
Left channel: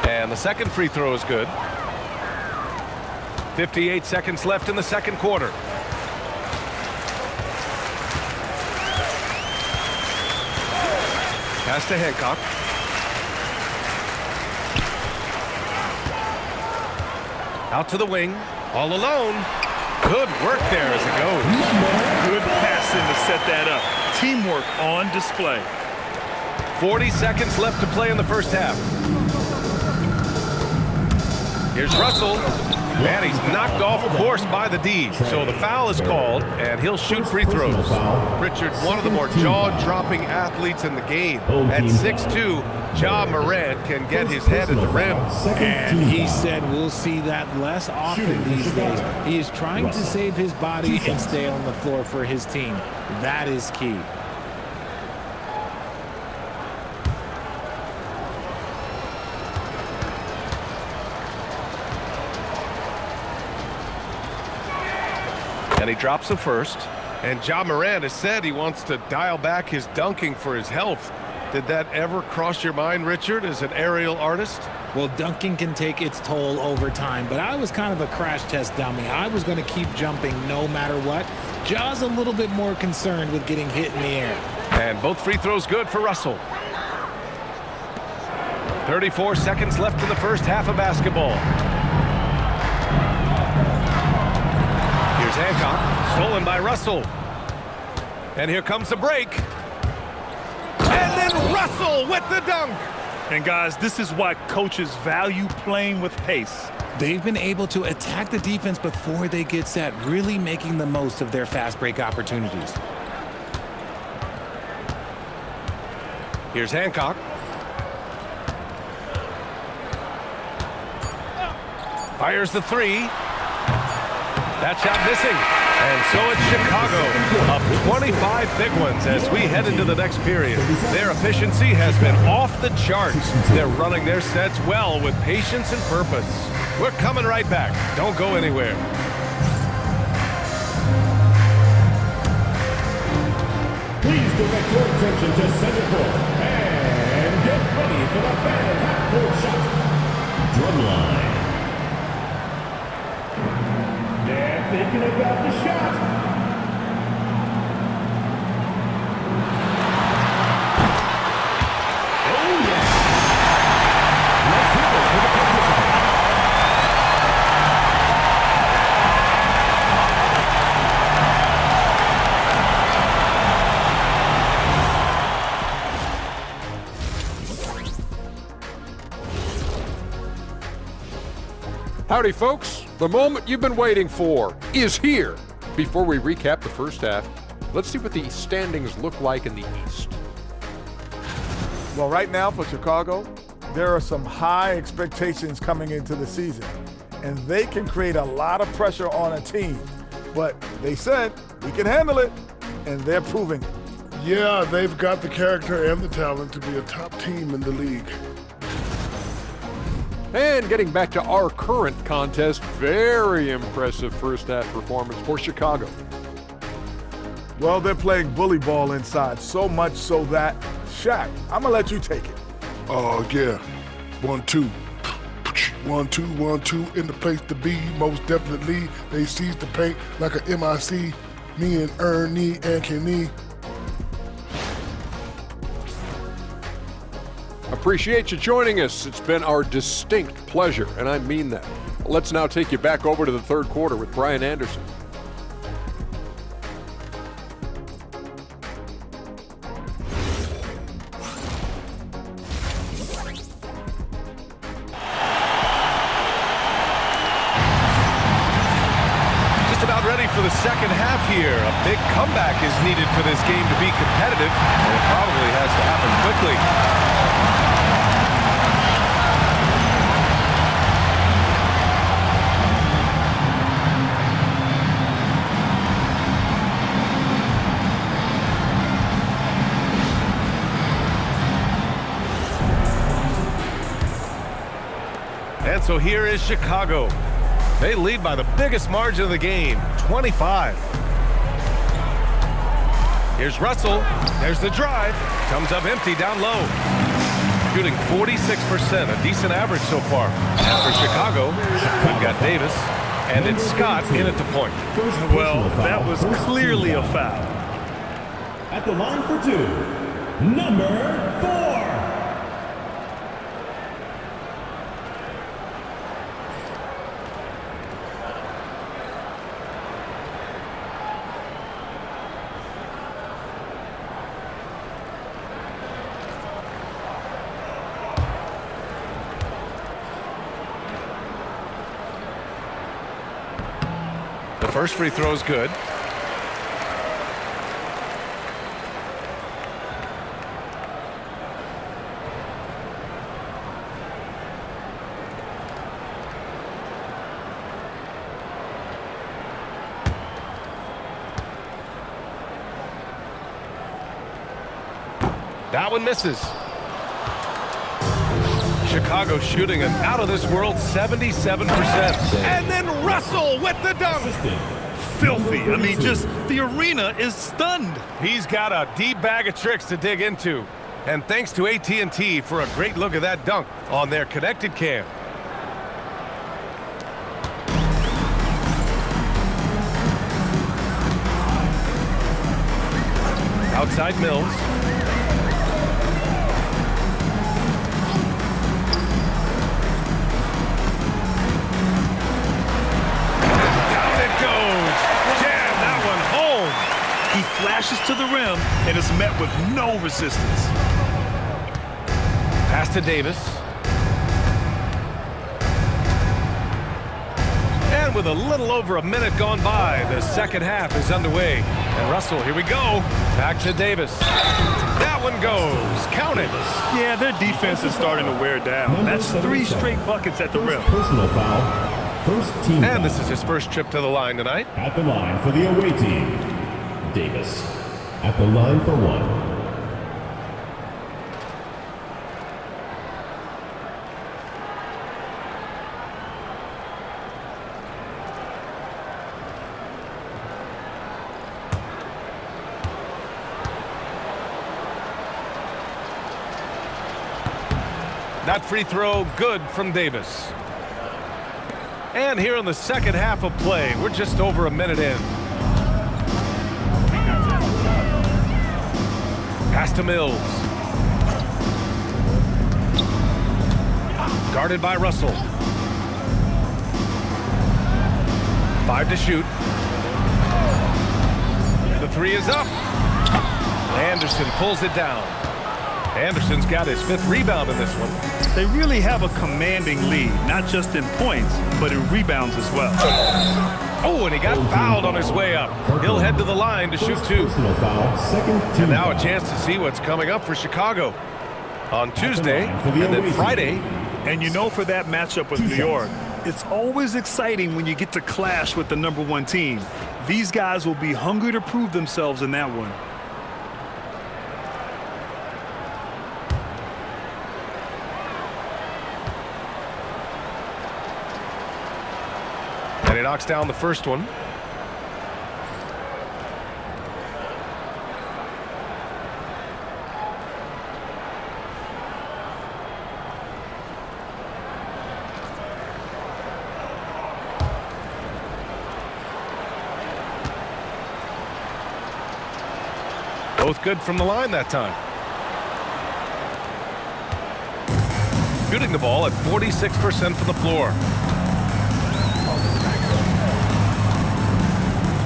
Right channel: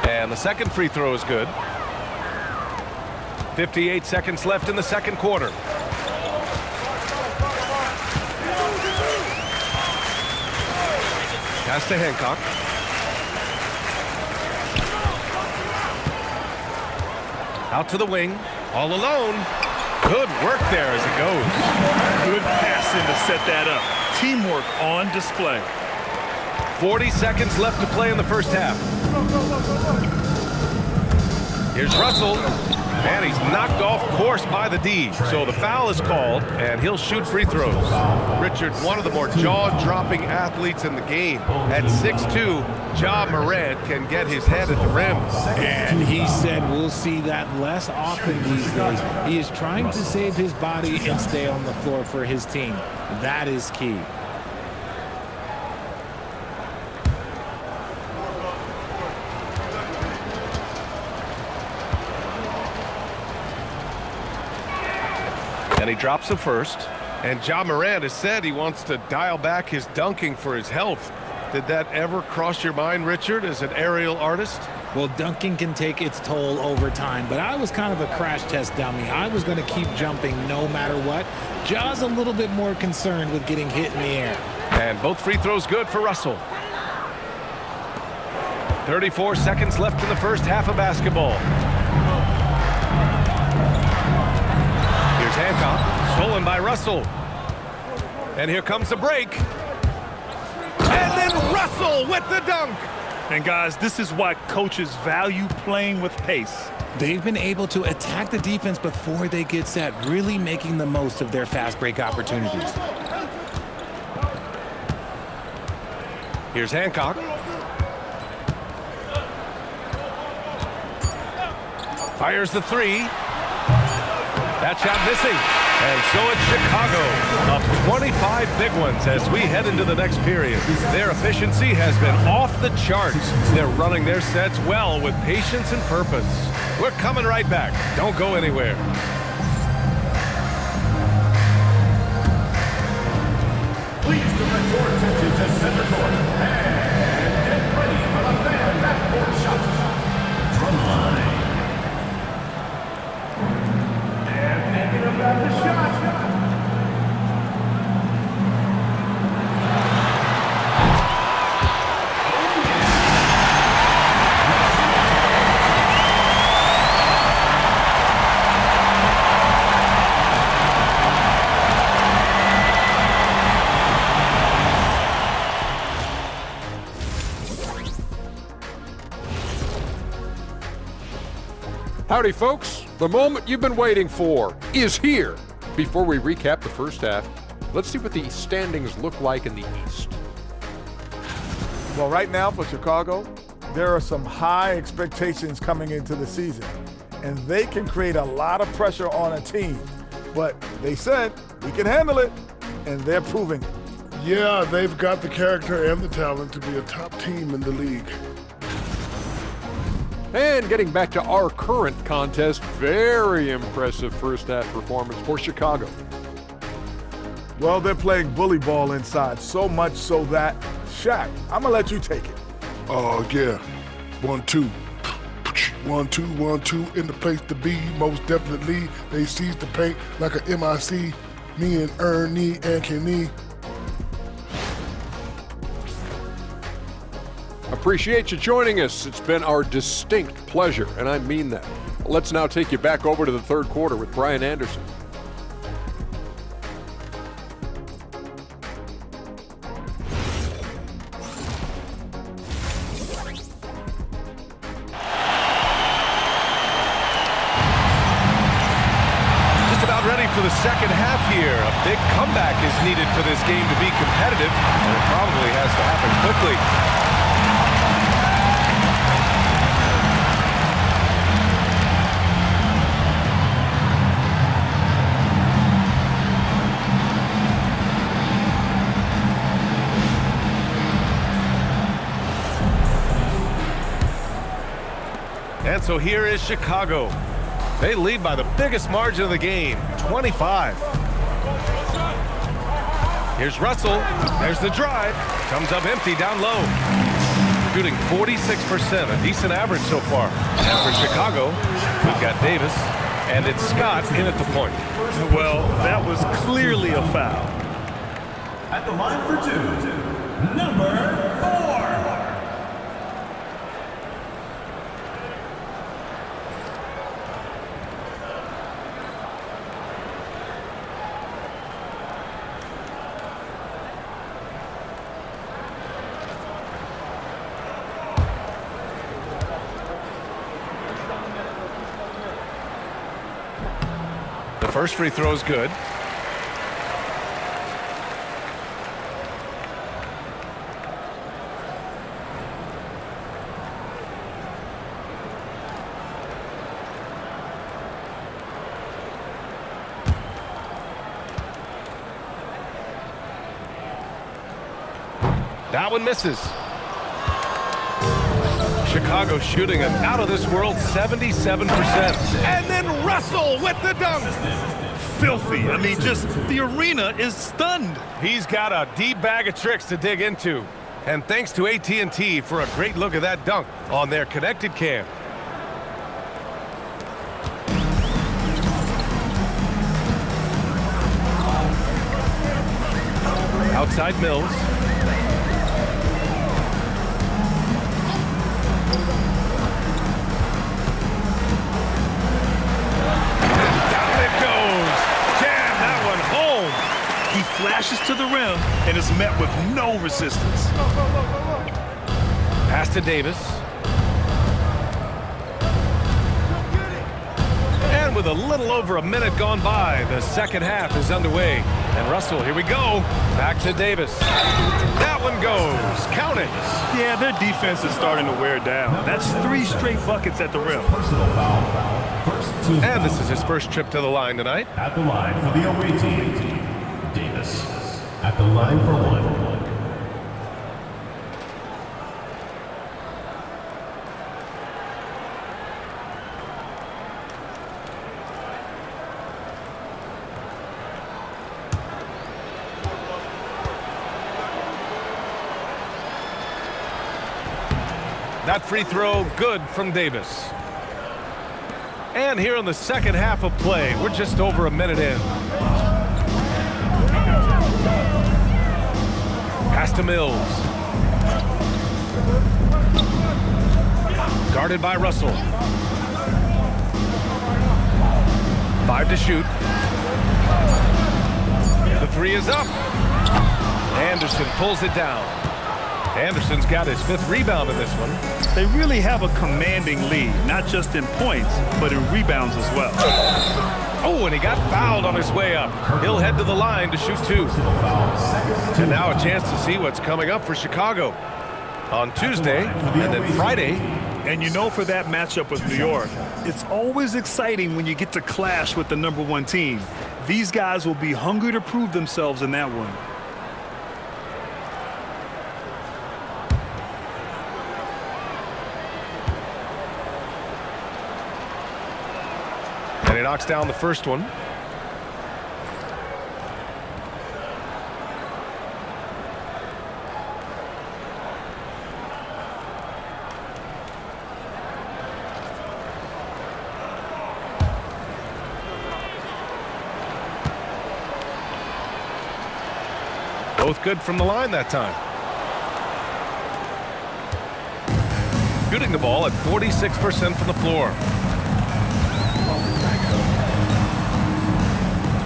And the second free throw is good. 58 seconds left in the second quarter. Pass to Hancock. Out to the wing, all alone. Good work there as it goes. Good passing to set that up. Teamwork on display. 40 seconds left to play in the first half. Here's Russell, and he's knocked off course by the D. So the foul is called, and he'll shoot free throws. Richard, one of the more jaw-dropping athletes in the game. At 6'2", Ja Morant can get his head at the rim. And he said we'll see that less often these days. He is trying to save his body and stay on the floor for his team. That is key. And he drops the first. And Ja Morant has said he wants to dial back his dunking for his health. Did that ever cross your mind, Richard, as an aerial artist? Well, dunking can take its toll over time, but I was kind of a crash test dummy. I was going to keep jumping no matter what. Ja's a little bit more concerned with getting hit in the air. And both free throws good for Russell. 34 seconds left in the first half of basketball. Here's Hancock, stolen by Russell. And here comes the break. And then Russell with the dunk. And guys, this is why coaches value playing with pace. They've been able to attack the defense before they get set, really making the most of their fast break opportunities. Here's Hancock. Fires the 3. That shot missing. And so it's Chicago, up 25 big ones as we head into the next period. Their efficiency has been off the charts. They're running their sets well with patience and purpose. We're coming right back. Don't go anywhere. Please direct your attention to center court and get ready for the fan half-court shot. Drumline. They're thinking about the shot. Howdy, folks. The moment you've been waiting for is here. Before we recap the first half, let's see what the standings look like in the East. Well, right now for Chicago, there are some high expectations coming into the season, and they can create a lot of pressure on a team. But they said, we can handle it, and they're proving it. Yeah, they've got the character and the talent to be a top team in the league. And getting back to our current contest, very impressive first half performance for Chicago. Well, they're playing bully ball inside, so much so that, Shaq, I'm going to let you take it. Oh, yeah. 1-2. 1-2, in the place to be, most definitely. They seize the paint like a MIC. Me and Ernie and Kenny. Appreciate you joining us. It's been our distinct pleasure, and I mean that. Let's now take you back over to the third quarter with Brian Anderson. Just about ready for the second half here. A big comeback is needed for this game to be competitive, and it probably has to happen quickly. And so here is Chicago. They lead by the biggest margin of the game, 25. Here's Russell. There's the drive. Comes up empty down low. Shooting 46%, a decent average so far. And for Chicago, we've got Davis, and it's Scott in at the point. Well, that was clearly a foul. At the line for two, number 4. The first free throw is good. That one misses. Chicago shooting an out-of-this-world 77%. And then Russell with the dunk. Filthy. I mean, just the arena is stunned. He's got a deep bag of tricks to dig into. And thanks to AT&T for a great look at that dunk on their connected cam. Outside Mills. Jam that one home. He flashes to the rim and is met with no resistance. Pass to Davis. And with a little over a minute gone by, the second half is underway. And Russell, here we go. Back to Davis. That one goes. Count it. Yeah, their defense is starting to wear down. That's 3 straight buckets at the rim. Personal foul. First team and this is his first trip to the line tonight. At the line for the away team, Davis. At the line for 1. That free throw good from Davis. And here in the second half of play, we're just over a minute in. Pass to Mills. Guarded by Russell. 5 to shoot. The 3 is up. Anderson pulls it down. Anderson's got his 5th rebound in this one. They really have a commanding lead, not just in points, but in rebounds as well. Oh, and he got fouled on his way up. He'll head to the line to shoot 2. And now a chance to see what's coming up for Chicago on Tuesday and then Friday. And you know, for that matchup with New York, it's always exciting when you get to clash with the #1 team. These guys will be hungry to prove themselves in that one. And he knocks down the first one. Both good from the line that time. Shooting the ball at 46% from the floor.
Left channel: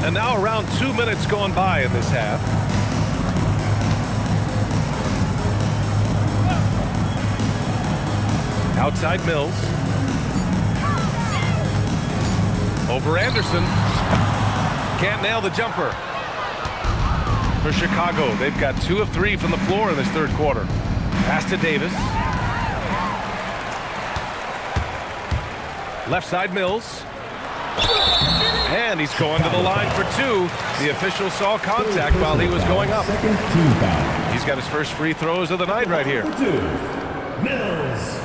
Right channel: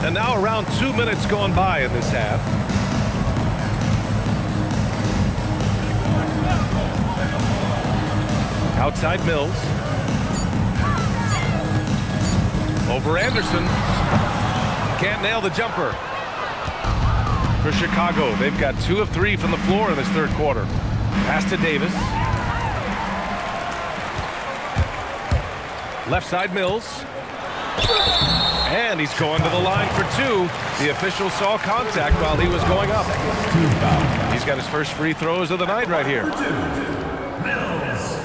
And now around 2 minutes gone by in this half. Outside Mills. Over Anderson. Can't nail the jumper. For Chicago, they've got 2 of 3 from the floor in this 3rd quarter. Pass to Davis. Left side Mills. And he's going to the line for 2. The official saw contact while he was going up. He's got his first free throws of the night right here. Mills.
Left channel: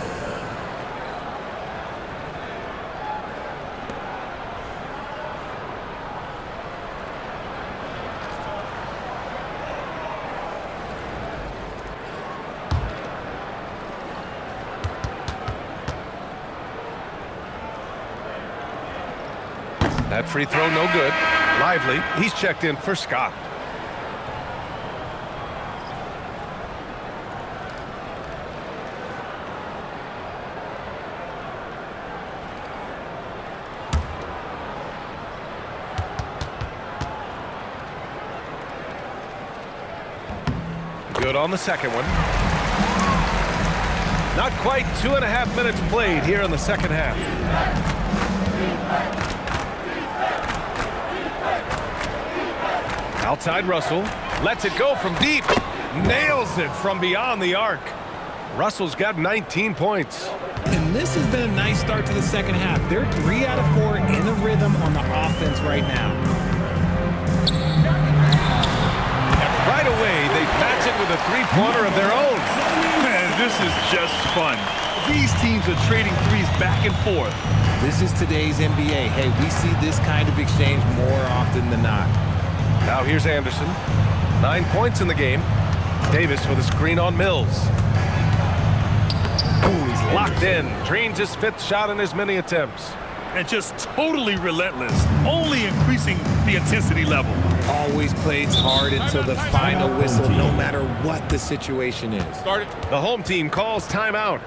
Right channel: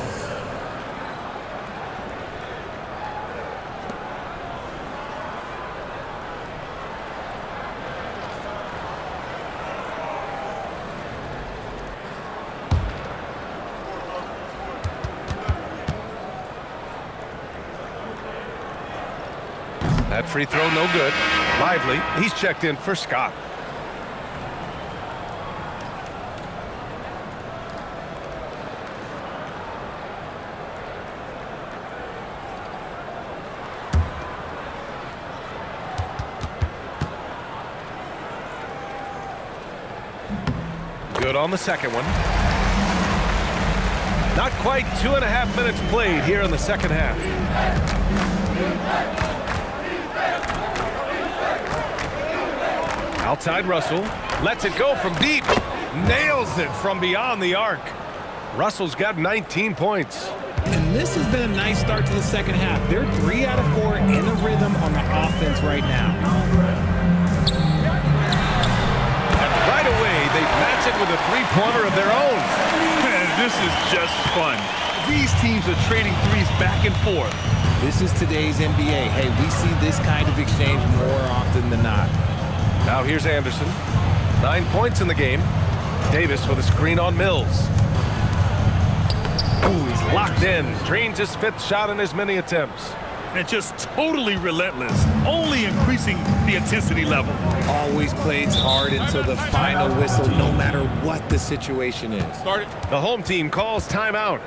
That free throw no good. Lively. He's checked in for Scott. Good on the second one. Not quite 2.5 minutes played here in the second half. Outside Russell, lets it go from deep, nails it from beyond the arc. Russell's got 19 points. And this has been a nice start to the second half. They're 3 out of 4 in a rhythm on the offense right now. And right away, they match it with a 3-pointer of their own. Man, this is just fun. These teams are trading threes back and forth. This is today's NBA. Hey, we see this kind of exchange more often than not. Now here's Anderson. 9 points in the game. Davis with a screen on Mills. Ooh, he's locked in. Drains his 5th shot in as many attempts. And just totally relentless, only increasing the intensity level. Always plays hard until the final whistle, no matter what the situation is. The home team calls timeout.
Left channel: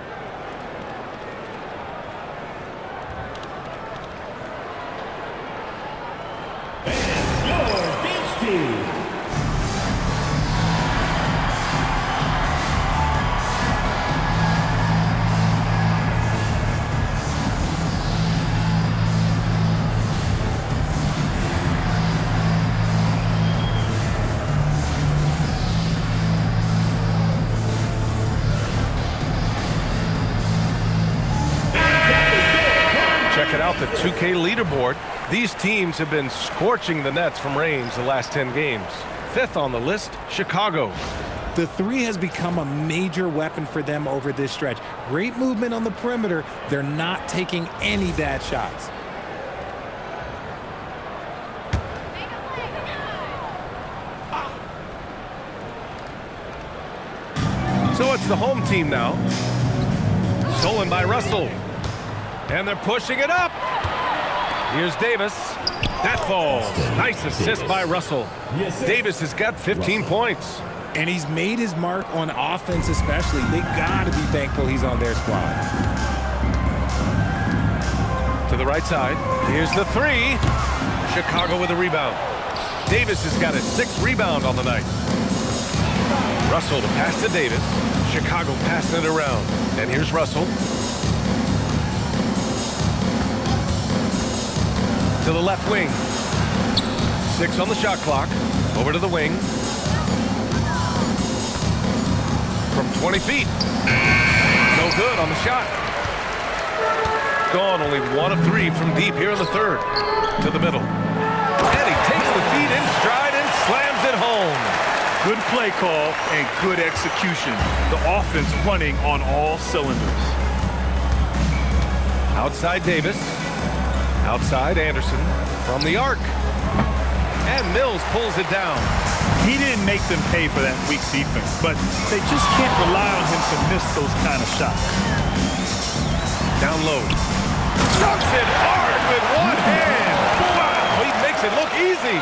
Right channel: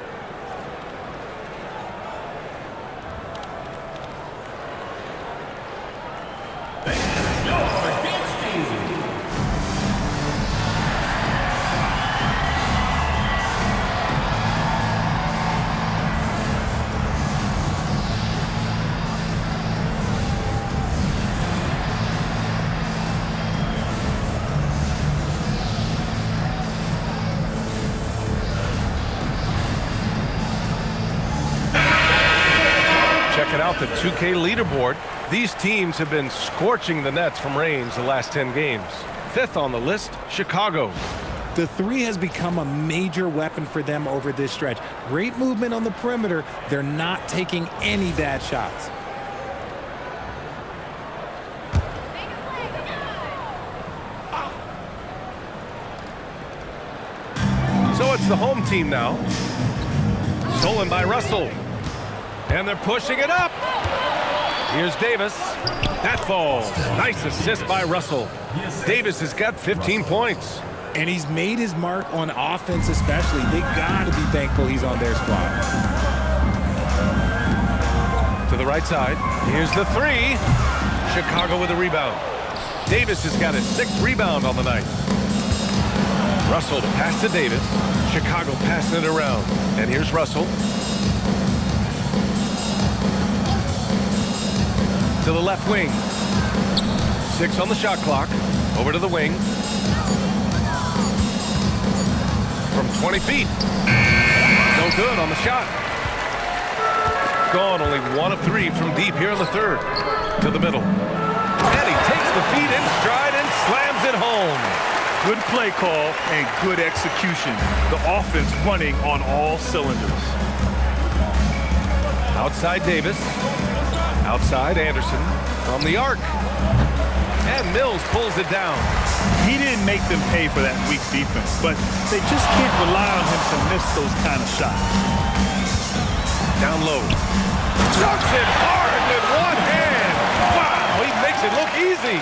Checking out the 2K leaderboard. These teams have been scorching the nets from range the last 10 games. 5th on the list, Chicago. The 3 has become a major weapon for them over this stretch. Great movement on the perimeter. They're not taking any bad shots. So it's the home team now. Stolen by Russell. And they're pushing it up. Here's Davis. That falls. Nice assist by Russell. Davis has got 15 points. And he's made his mark on offense especially. They got to be thankful he's on their squad. To the right side. Here's the 3. Chicago with a rebound. Davis has got his 6th rebound on the night. Russell to pass to Davis. Chicago passing it around. And here's Russell. To the left wing. 6 on the shot clock. Over to the wing. From 20 feet. No good on the shot. Gone only 1 of 3 from deep here in the third. To the middle. And he takes the feet in stride and slams it home. Good play call and good execution. The offense running on all cylinders. Outside Davis. Outside Anderson. From the arc. And Mills pulls it down. He didn't make them pay for that weak defense, but they just can't rely on him to miss those kind of shots. Down low. Dunks it hard with one hand. Wow, he makes it look easy.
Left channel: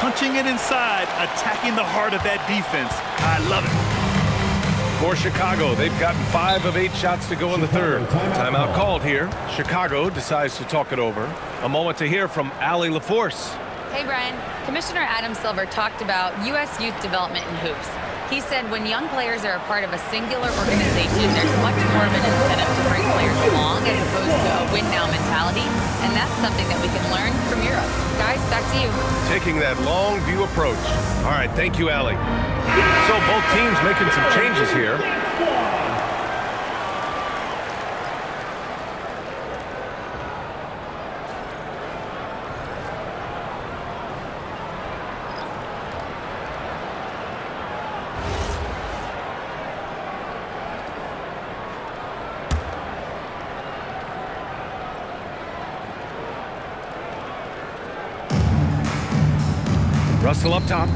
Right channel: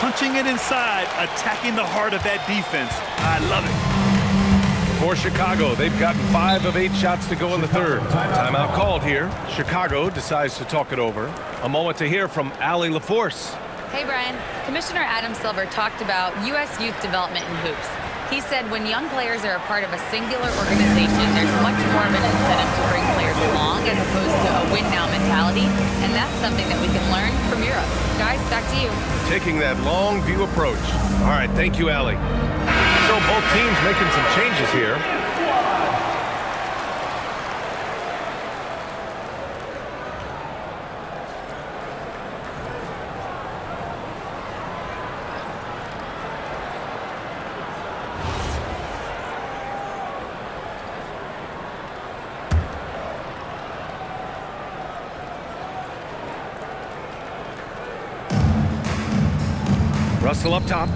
Punching it inside, attacking the heart of that defense. I love it. For Chicago, they've gotten 5 of 8 shots to go in the third. Timeout called here. Chicago decides to talk it over. A moment to hear from Allie LaForce. Hey, Brian. Commissioner Adam Silver talked about U.S. youth development in hoops. He said when young players are a part of a singular organization, there's much more of an incentive to bring players along as opposed to a win-now mentality, and that's something that we can learn from Europe. Guys, back to you. Taking that long view approach. All right, thank you, Allie. So both teams making some changes here. Russell up top.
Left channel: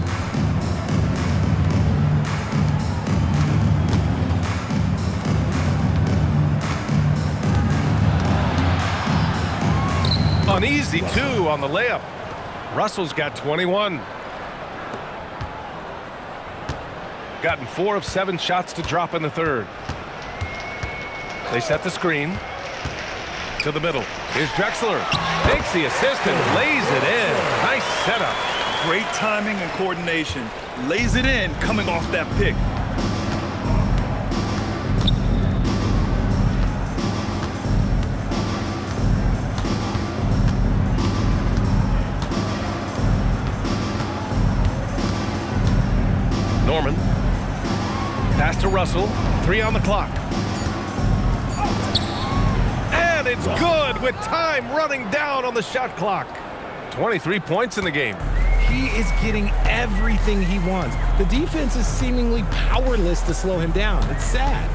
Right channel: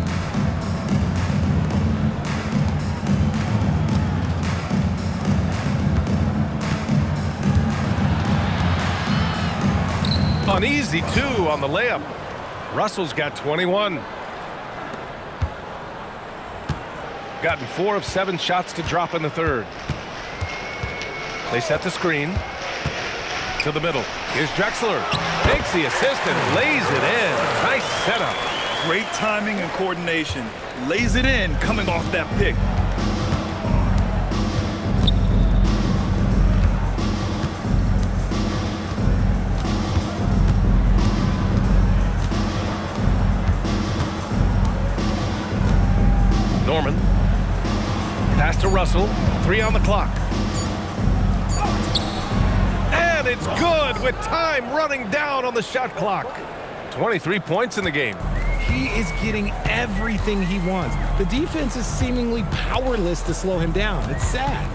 An easy 2 on the layup. Russell's got 21. Gotten 4 of 7 shots to drop in the third. They set the screen. To the middle. Here's Drexler. Takes the assist and lays it in. Nice setup. Great timing and coordination. Lays it in coming off that pick. Norman. Pass to Russell. 3 on the clock. And it's good with time running down on the shot clock. 23 points in the game. He is getting everything he wants. The defense is seemingly powerless to slow him down. It's sad.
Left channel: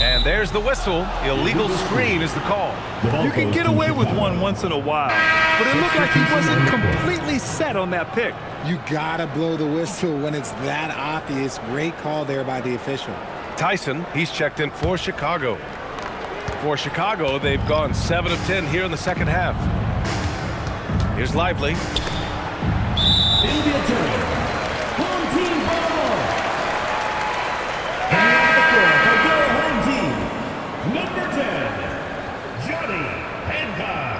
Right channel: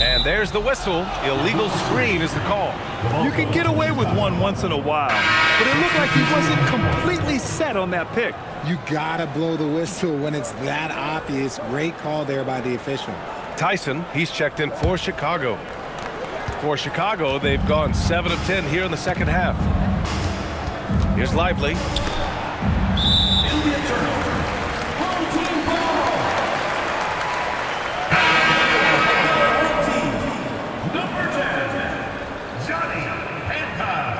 And there's the whistle. Illegal screen is the call. You can get away with one once in a while, but it looked like he wasn't completely set on that pick. You gotta blow the whistle when it's that obvious. Great call there by the official. Tyson, he's checked in for Chicago. For Chicago, they've gone 7 of 10 here in the second half. Here's Lively. It'll be a turnover. Home team ball. Coming off the floor for their home team, number 10, Johnny Hancock.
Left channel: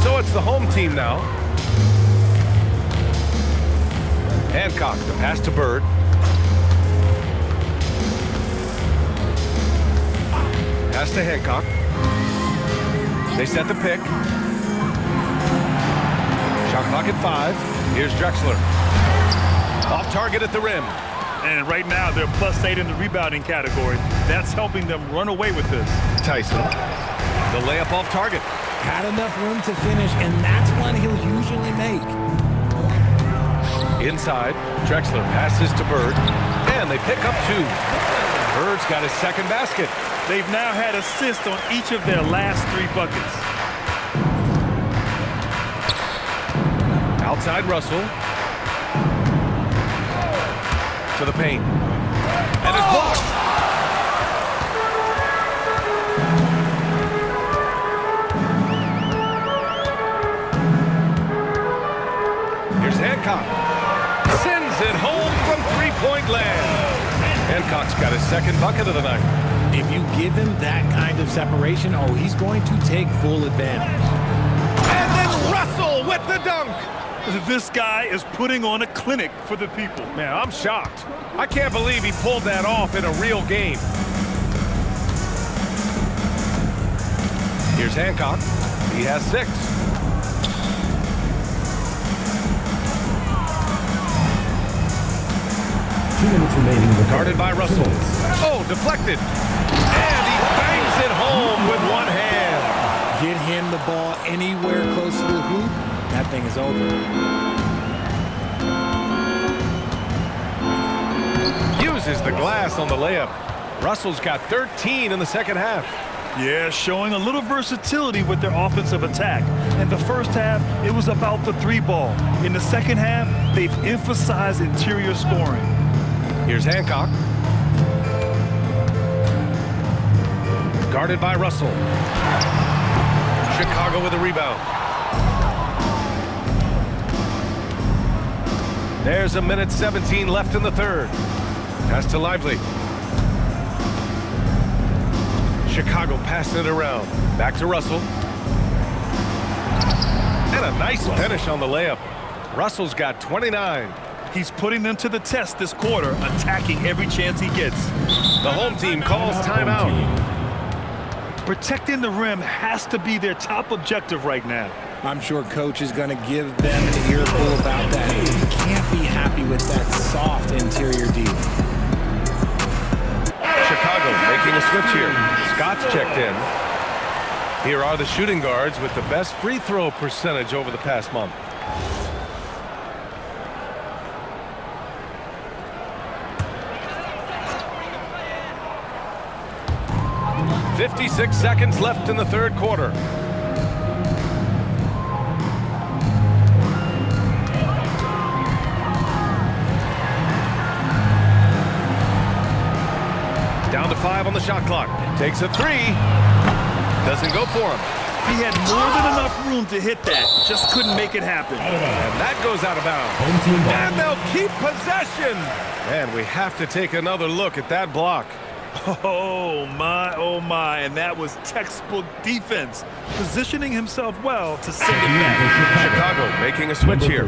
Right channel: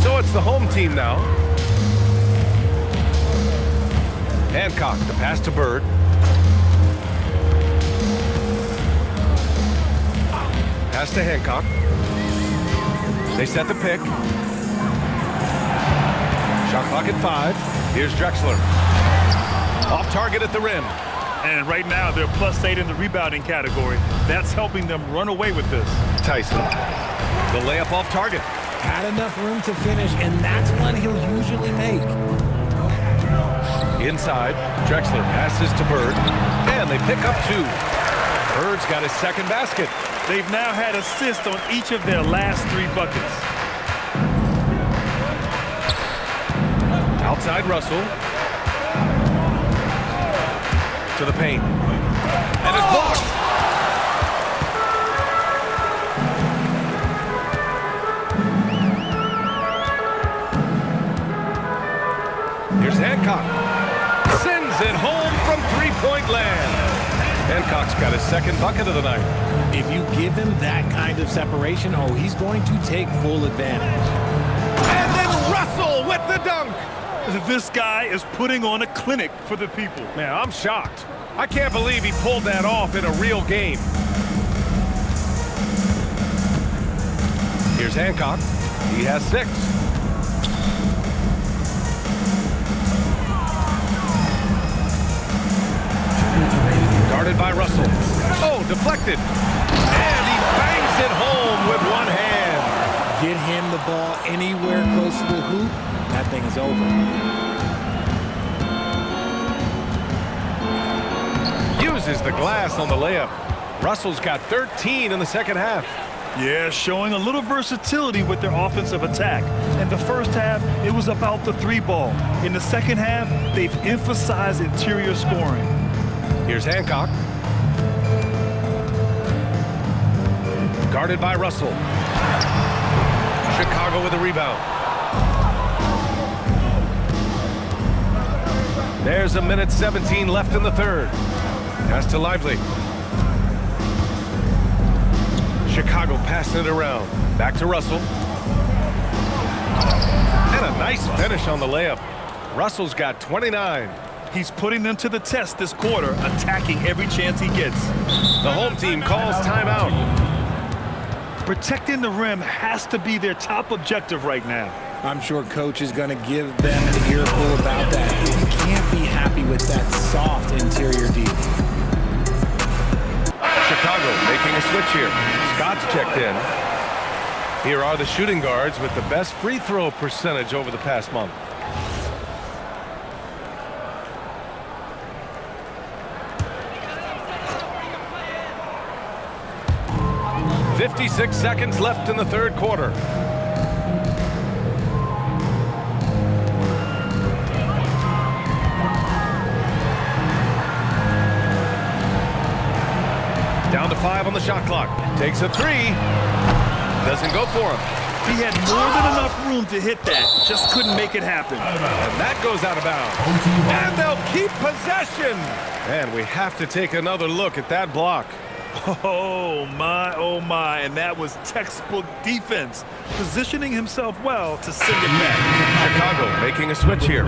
So it's the home team now. Hancock, the pass to Bird. Pass to Hancock. They set the pick. Shot clock at 5. Here's Drexler. Off target at the rim. And right now, they're +8 in the rebounding category. That's helping them run away with this. Tyson. The layup off target. Had enough room to finish, and that's one he'll usually make. Inside, Drexler passes to Bird, and they pick up 2. Bird's got his second basket. They've now had assists on each of their last 3 buckets. Outside Russell. To the paint. And it's blocked. Here's Hancock. Sends it home from 3-point land. Hancock's got his second bucket of the night. If you give him that kind of separation, oh, he's going to take full advantage. And then Russell with the dunk. This guy is putting on a clinic for the people. Man, I'm shocked. I can't believe he pulled that off in a real game. Here's Hancock. He has 6. Guarded by Russell. Oh, deflected. And he bangs it home with one hand. Get him the ball anywhere close to the hoop, that thing is over. Uses the glass on the layup. Russell's got 13 in the second half. Yeah, showing a little versatility with their offensive attack. In the first half, it was about the 3-ball. In the second half, they've emphasized interior scoring. Here's Hancock. Guarded by Russell. Chicago with a rebound. There's a minute 17 left in the third. Pass to Lively. Chicago passing it around. Back to Russell. And a nice finish on the layup. Russell's got 29. He's putting them to the test this quarter, attacking every chance he gets. The home team calls timeout. Protecting the rim has to be their top objective right now. I'm sure coach is going to give them an earful about that. You can't be happy with that soft interior D. Chicago making a switch here. Scott's checked in. Here are the shooting guards with the best free throw percentage over the past month. .56 seconds left in the third quarter. Down to 5 on the shot clock. Takes a 3. Doesn't go for him. He had more than enough room to hit that. Just couldn't make it happen. And that goes out of bounds. And they'll keep possession. And we have to take another look at that block. Oh my, and that was textbook defense, positioning himself well to send it back. Chicago making a switch here.